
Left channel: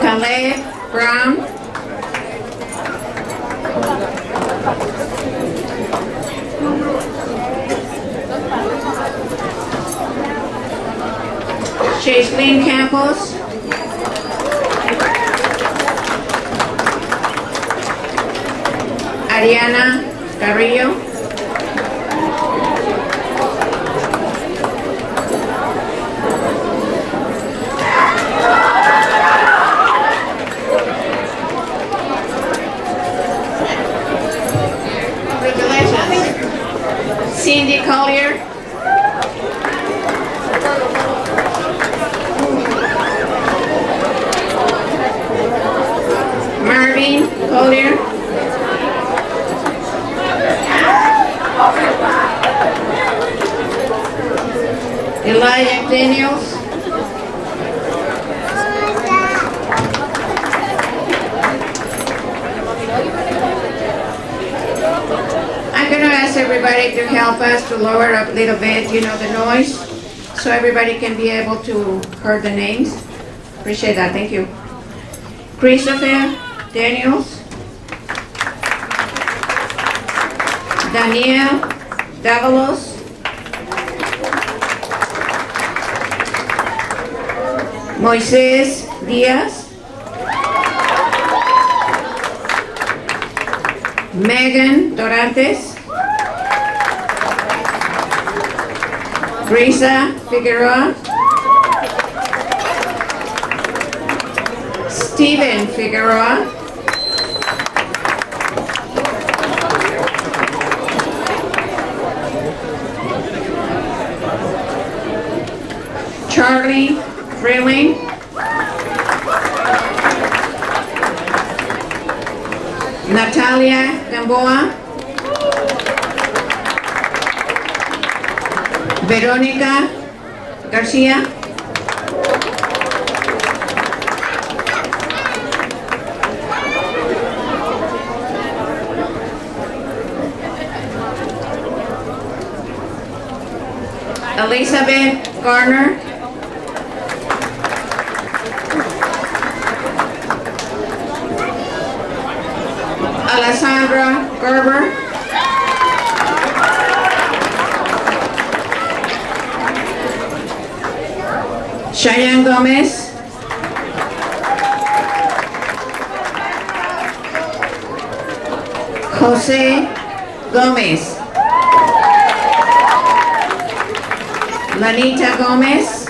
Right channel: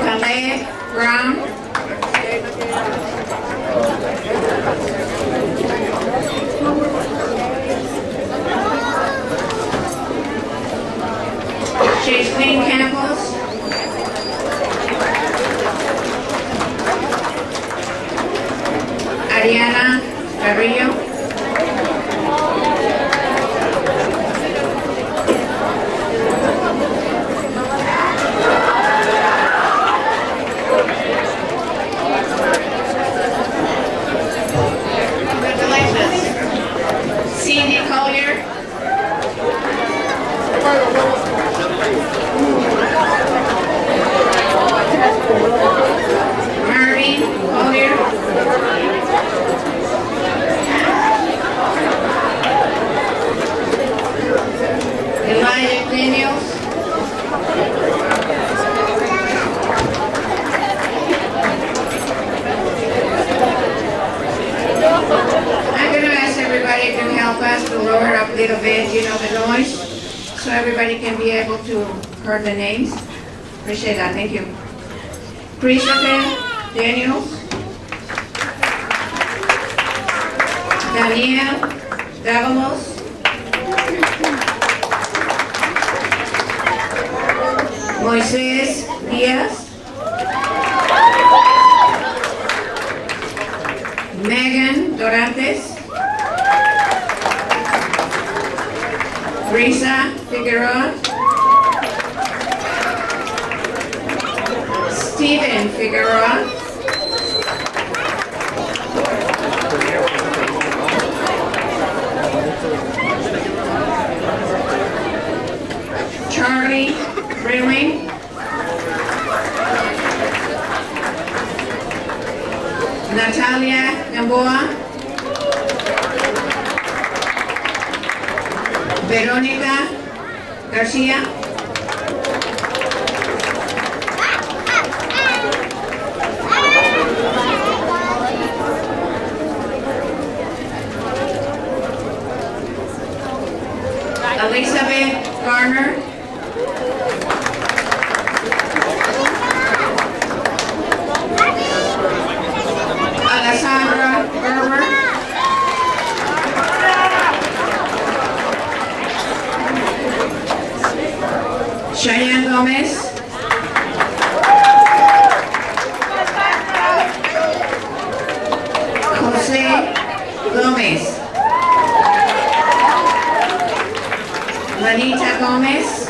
Caleb Brown. Chaselyn Campos. Ariana Carrillo. Cindy Collier. Marvin Collier. Elijah Daniels. I'm going to ask everybody to help us to lower up a little bit, the noise, so everybody can be able to hear the names. Appreciate that, thank you. Christopher Daniels. Daniel Davalos. Moises Diaz. Megan Dorantes. Risa Figueroa. Steven Figueroa. Charlie Freeling. Natalia Gamboa. Verónica García. Elizabeth Garner. Alessandra Gerber. Cheyenne Gomez. Jose Gomez. Lanita Gomez.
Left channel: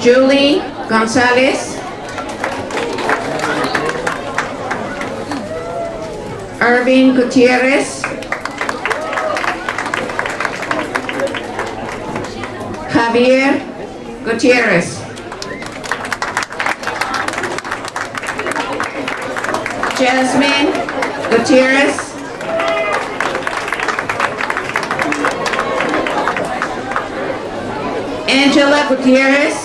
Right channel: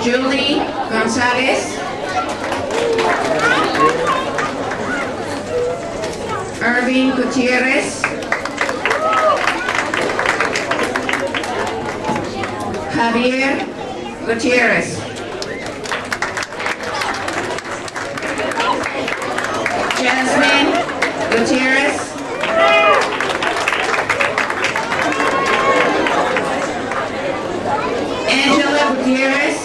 Julie Gonzalez. Irving Gutierrez. Javier Gutierrez. Jasmine Gutierrez. Angela Gutierrez.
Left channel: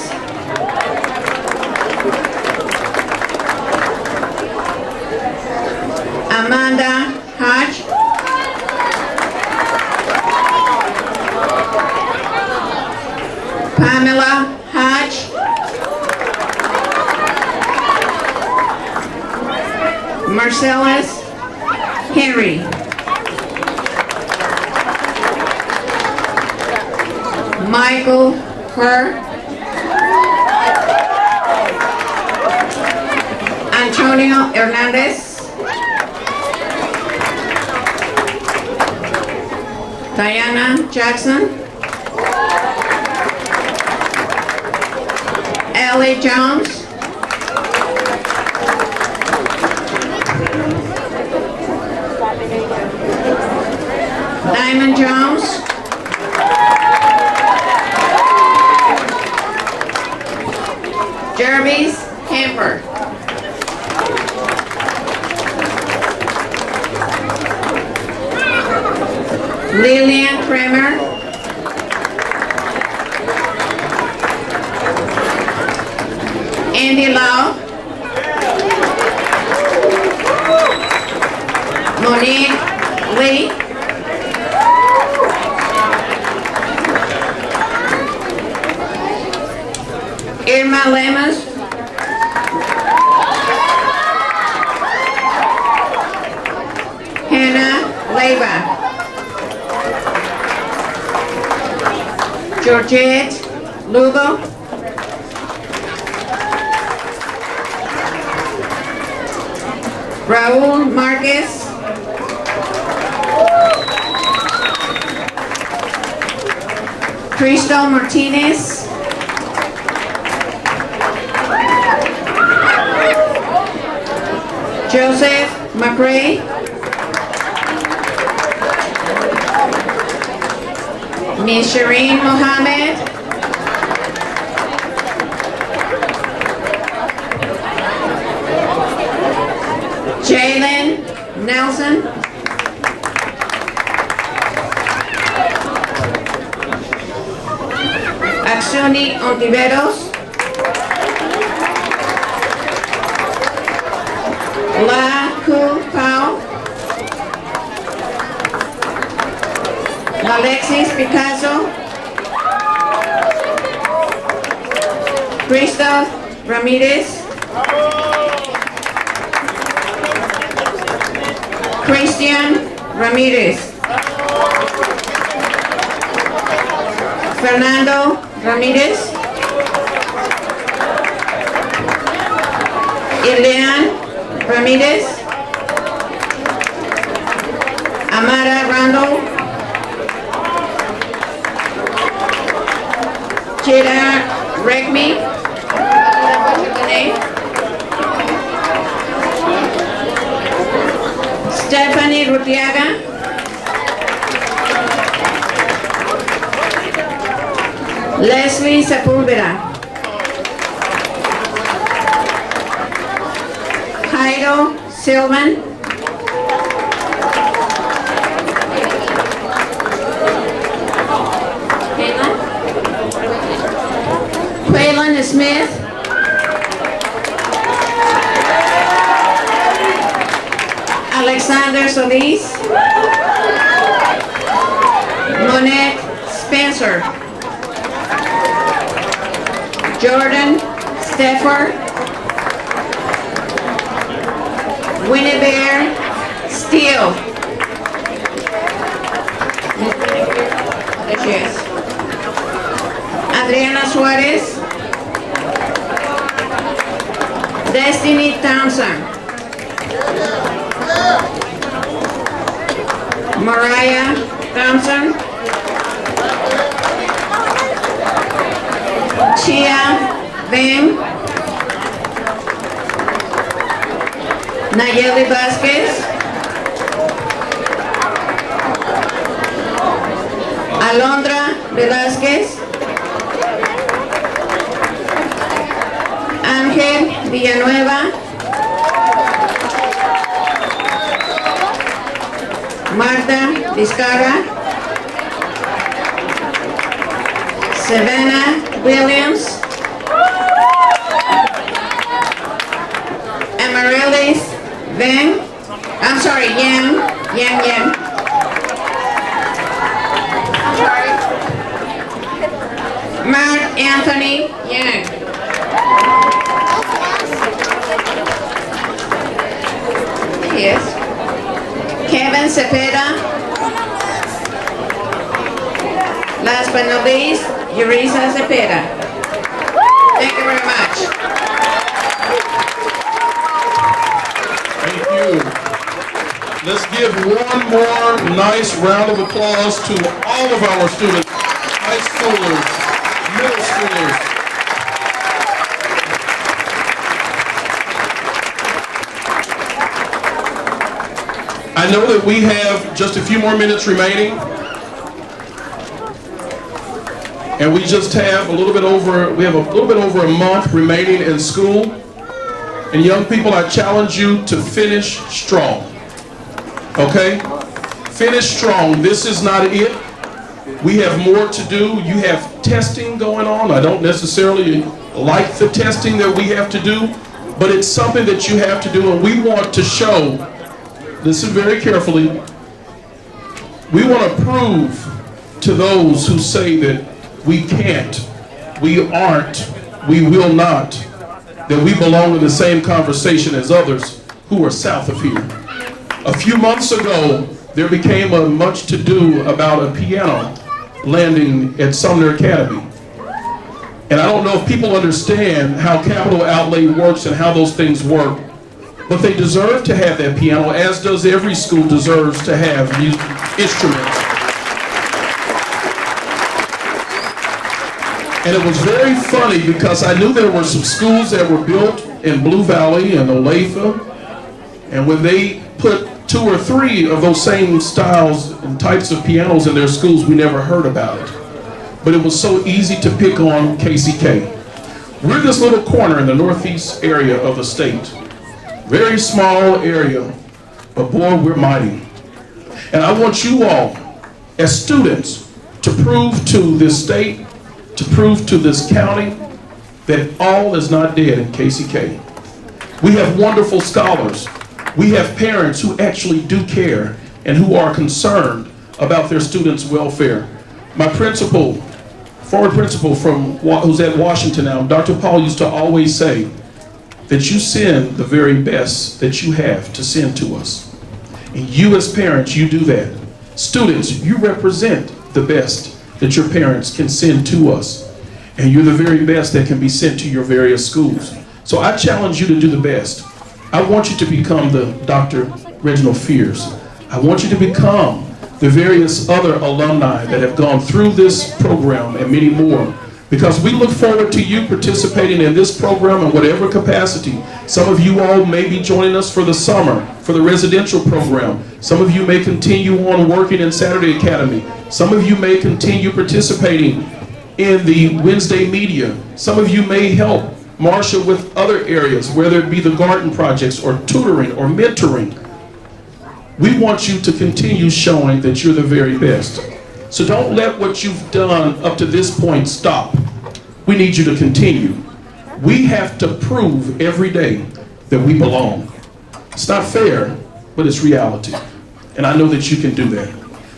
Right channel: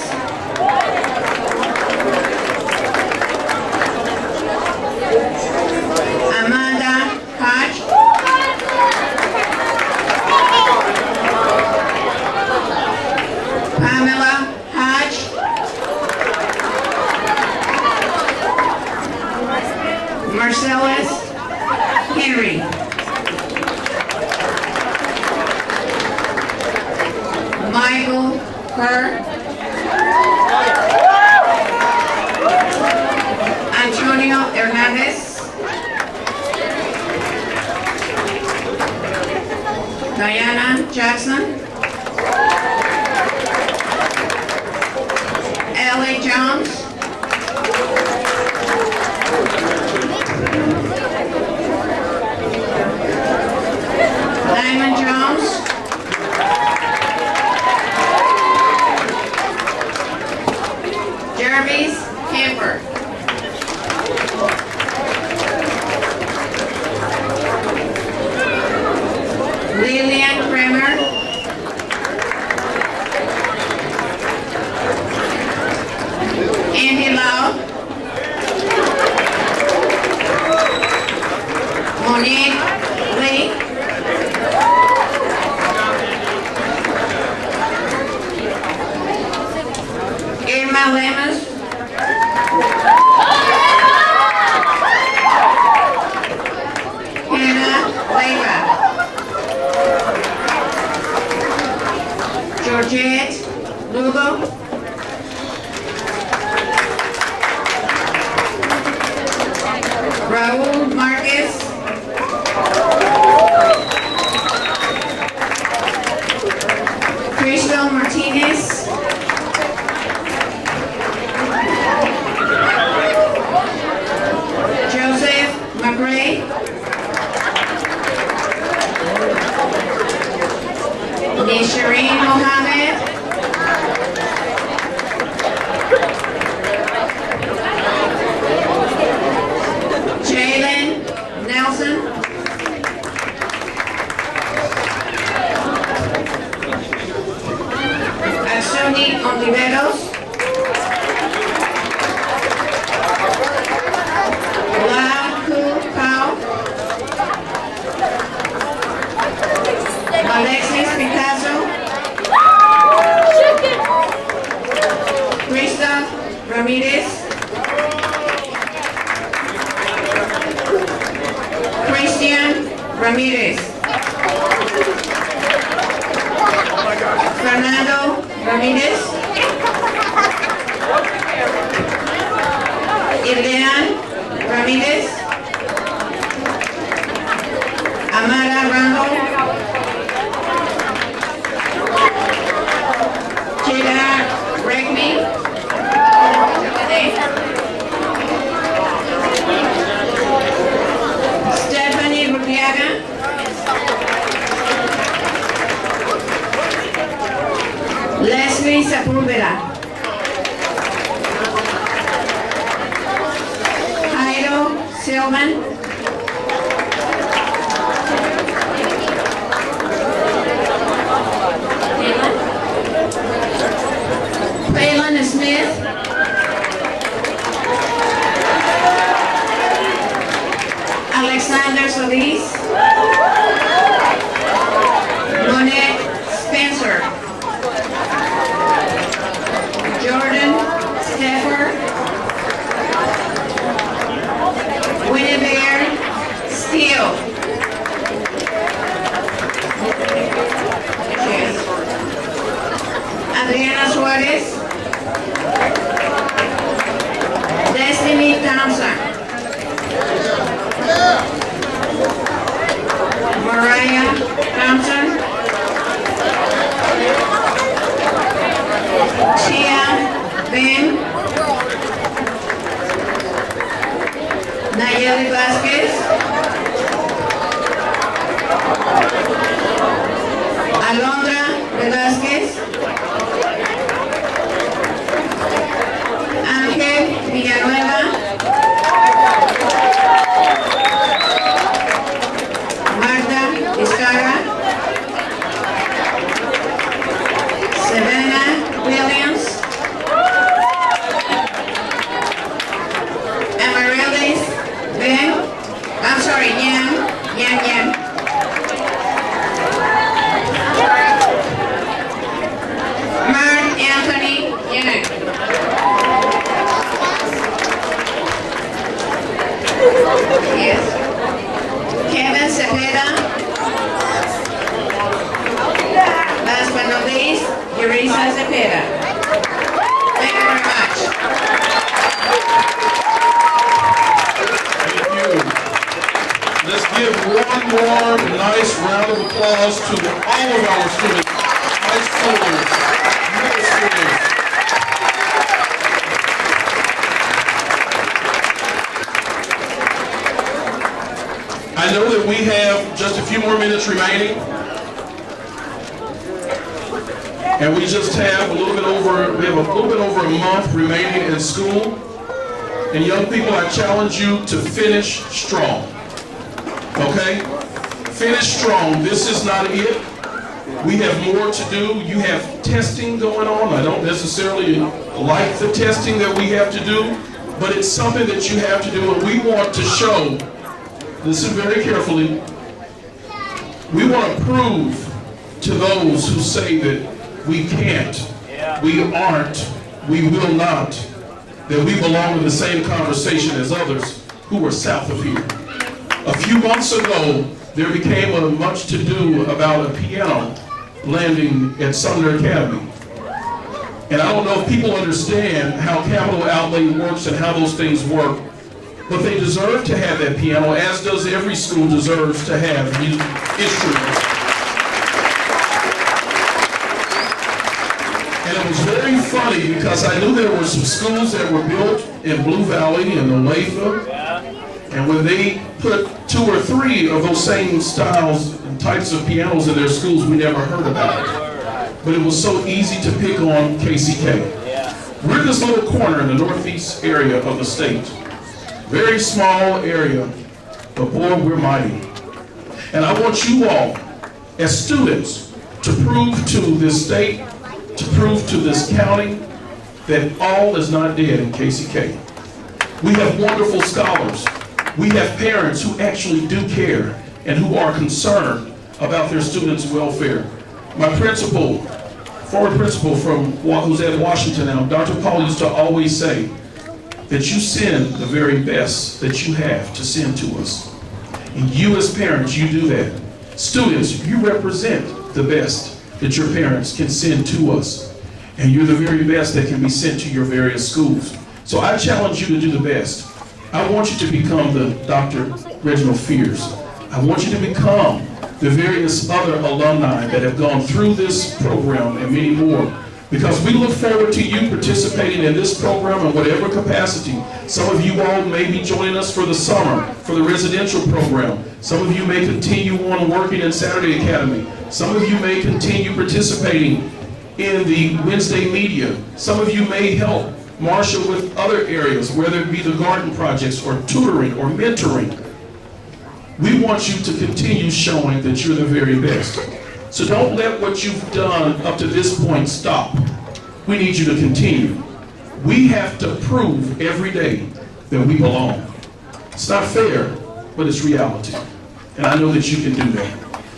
Amanda Hodge. Pamela Hodge. Marcellus Michael Kerr, Antonio Hernandez, Diana Jackson, Ellie Jones, Diamond Jones, Jervis Hamper, Lillian Kramer, Andy Lau, Monique Lee, Irma Lemus, Hannah Leyva, Georgette Lugo, Raul Marquez, Crystal Martinez, Joseph McRae, Nishareen Mohammed, Jalen Nelson, Aksuni Ontiveros, La Ku Pao, Alexis Picasso, Krista Ramirez, Christian Ramirez, Fernando Ramirez, Ilian Ramirez, Amara Randall, Chira Regmi, Stephanie Rutiaga, Leslie Sepúlveda, Jairo Silvan, Waylon Smith, Alexander Solis, Monet Spencer, Jordan Steffer, Winnebear Steele, Adriana Suarez, Destiny Thompson, Mariah Thompson, Chia Ben, Nayeli Vasquez, Alondra Velázquez, Ángel Villanueva, Marta Vizcarra, Savannah Williams, Amaryllis Ben, I'm sorry, Yam. Mark Anthony Yang. Yes. Kevin Cepeda. Last but not least, Yurisa Cepeda. Thank you very much. Thank you. Let's give one more nice round of applause to all of our students, high schoolers, middle schoolers. I know that we have just a few more minutes remaining. And we just have a little bit over a month remaining in school. And young people, I challenge you to finish strong. Okay? Finish strong. This is not it. We have more to do. You have testing going on. I don't necessarily like the testing that we have to do, but it's something that you have to do, and we want to show, listen very carefully, we want to prove to those who say that we can't, we aren't, we will not, that we belong in the same conversation as others who are south of here. A few months ago, there became a much to do about a piano landing at Sumner Academy. And I don't know if people understand how capital outlay works and how those things work, but they deserve to have that piano, as does every school deserves to have instruments. And it was very funny because I knew there were some schools that were built in Blue Valley and Olathe, and when they put 2 or 3 of those same styles and types of pianos in their schools, we never heard about it. But it was so easy to pick on KCK. We're this little corner in the northeast area of the state. Very small area, but boy, we're mighty. And I want you all, as students, to prove to this state, to prove to this county, that all is not dead in KCK. We have wonderful scholars. We have parents who actually do care and who are concerned about their students' welfare. My principal, former principal who's at Washington now, Dr. Paul used to always say that you send the very best that you have to send to us. And you as parents, you do that. Students, you represent the best that your parents can send to us. And you're the very best that can be sent to your various schools. So I challenge you to do the best. I want you to become the Dr. Reginald Fears. I want you to become the various other alumni that have gone through this program and many more. Because we look forward to you participating in this program in whatever capacity. Some of you all may be joining us for the summer, for the residential program. Some of you may continue on working in Saturday Academy. Some of you may continue participating in the Wednesday media. Some of you may help marshal with other areas, whether it be the garden projects or tutoring or mentoring. We want you to continue showing that you're the very best. So don't let what you've done up to this point stop. We need you to continue. We have to prove every day that we belong. It's not fair, but it's reality. And I know that you can do that.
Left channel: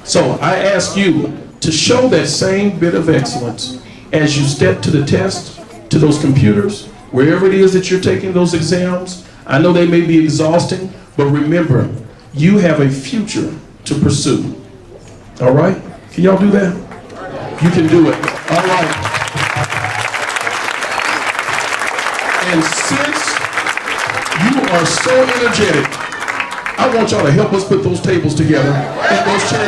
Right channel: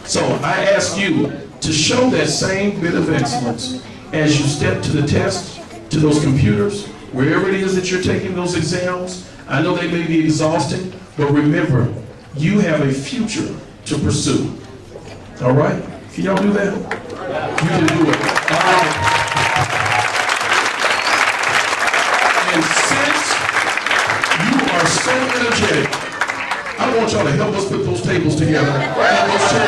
So I ask you to show that same bit of excellence as you step to the test, to those computers, wherever it is that you're taking those exams. I know they may be exhausting, but remember, you have a future to pursue. All right? Can y'all do that? You can do it. All right. And since you are so energetic, I want y'all to help us put those tables together and those chairs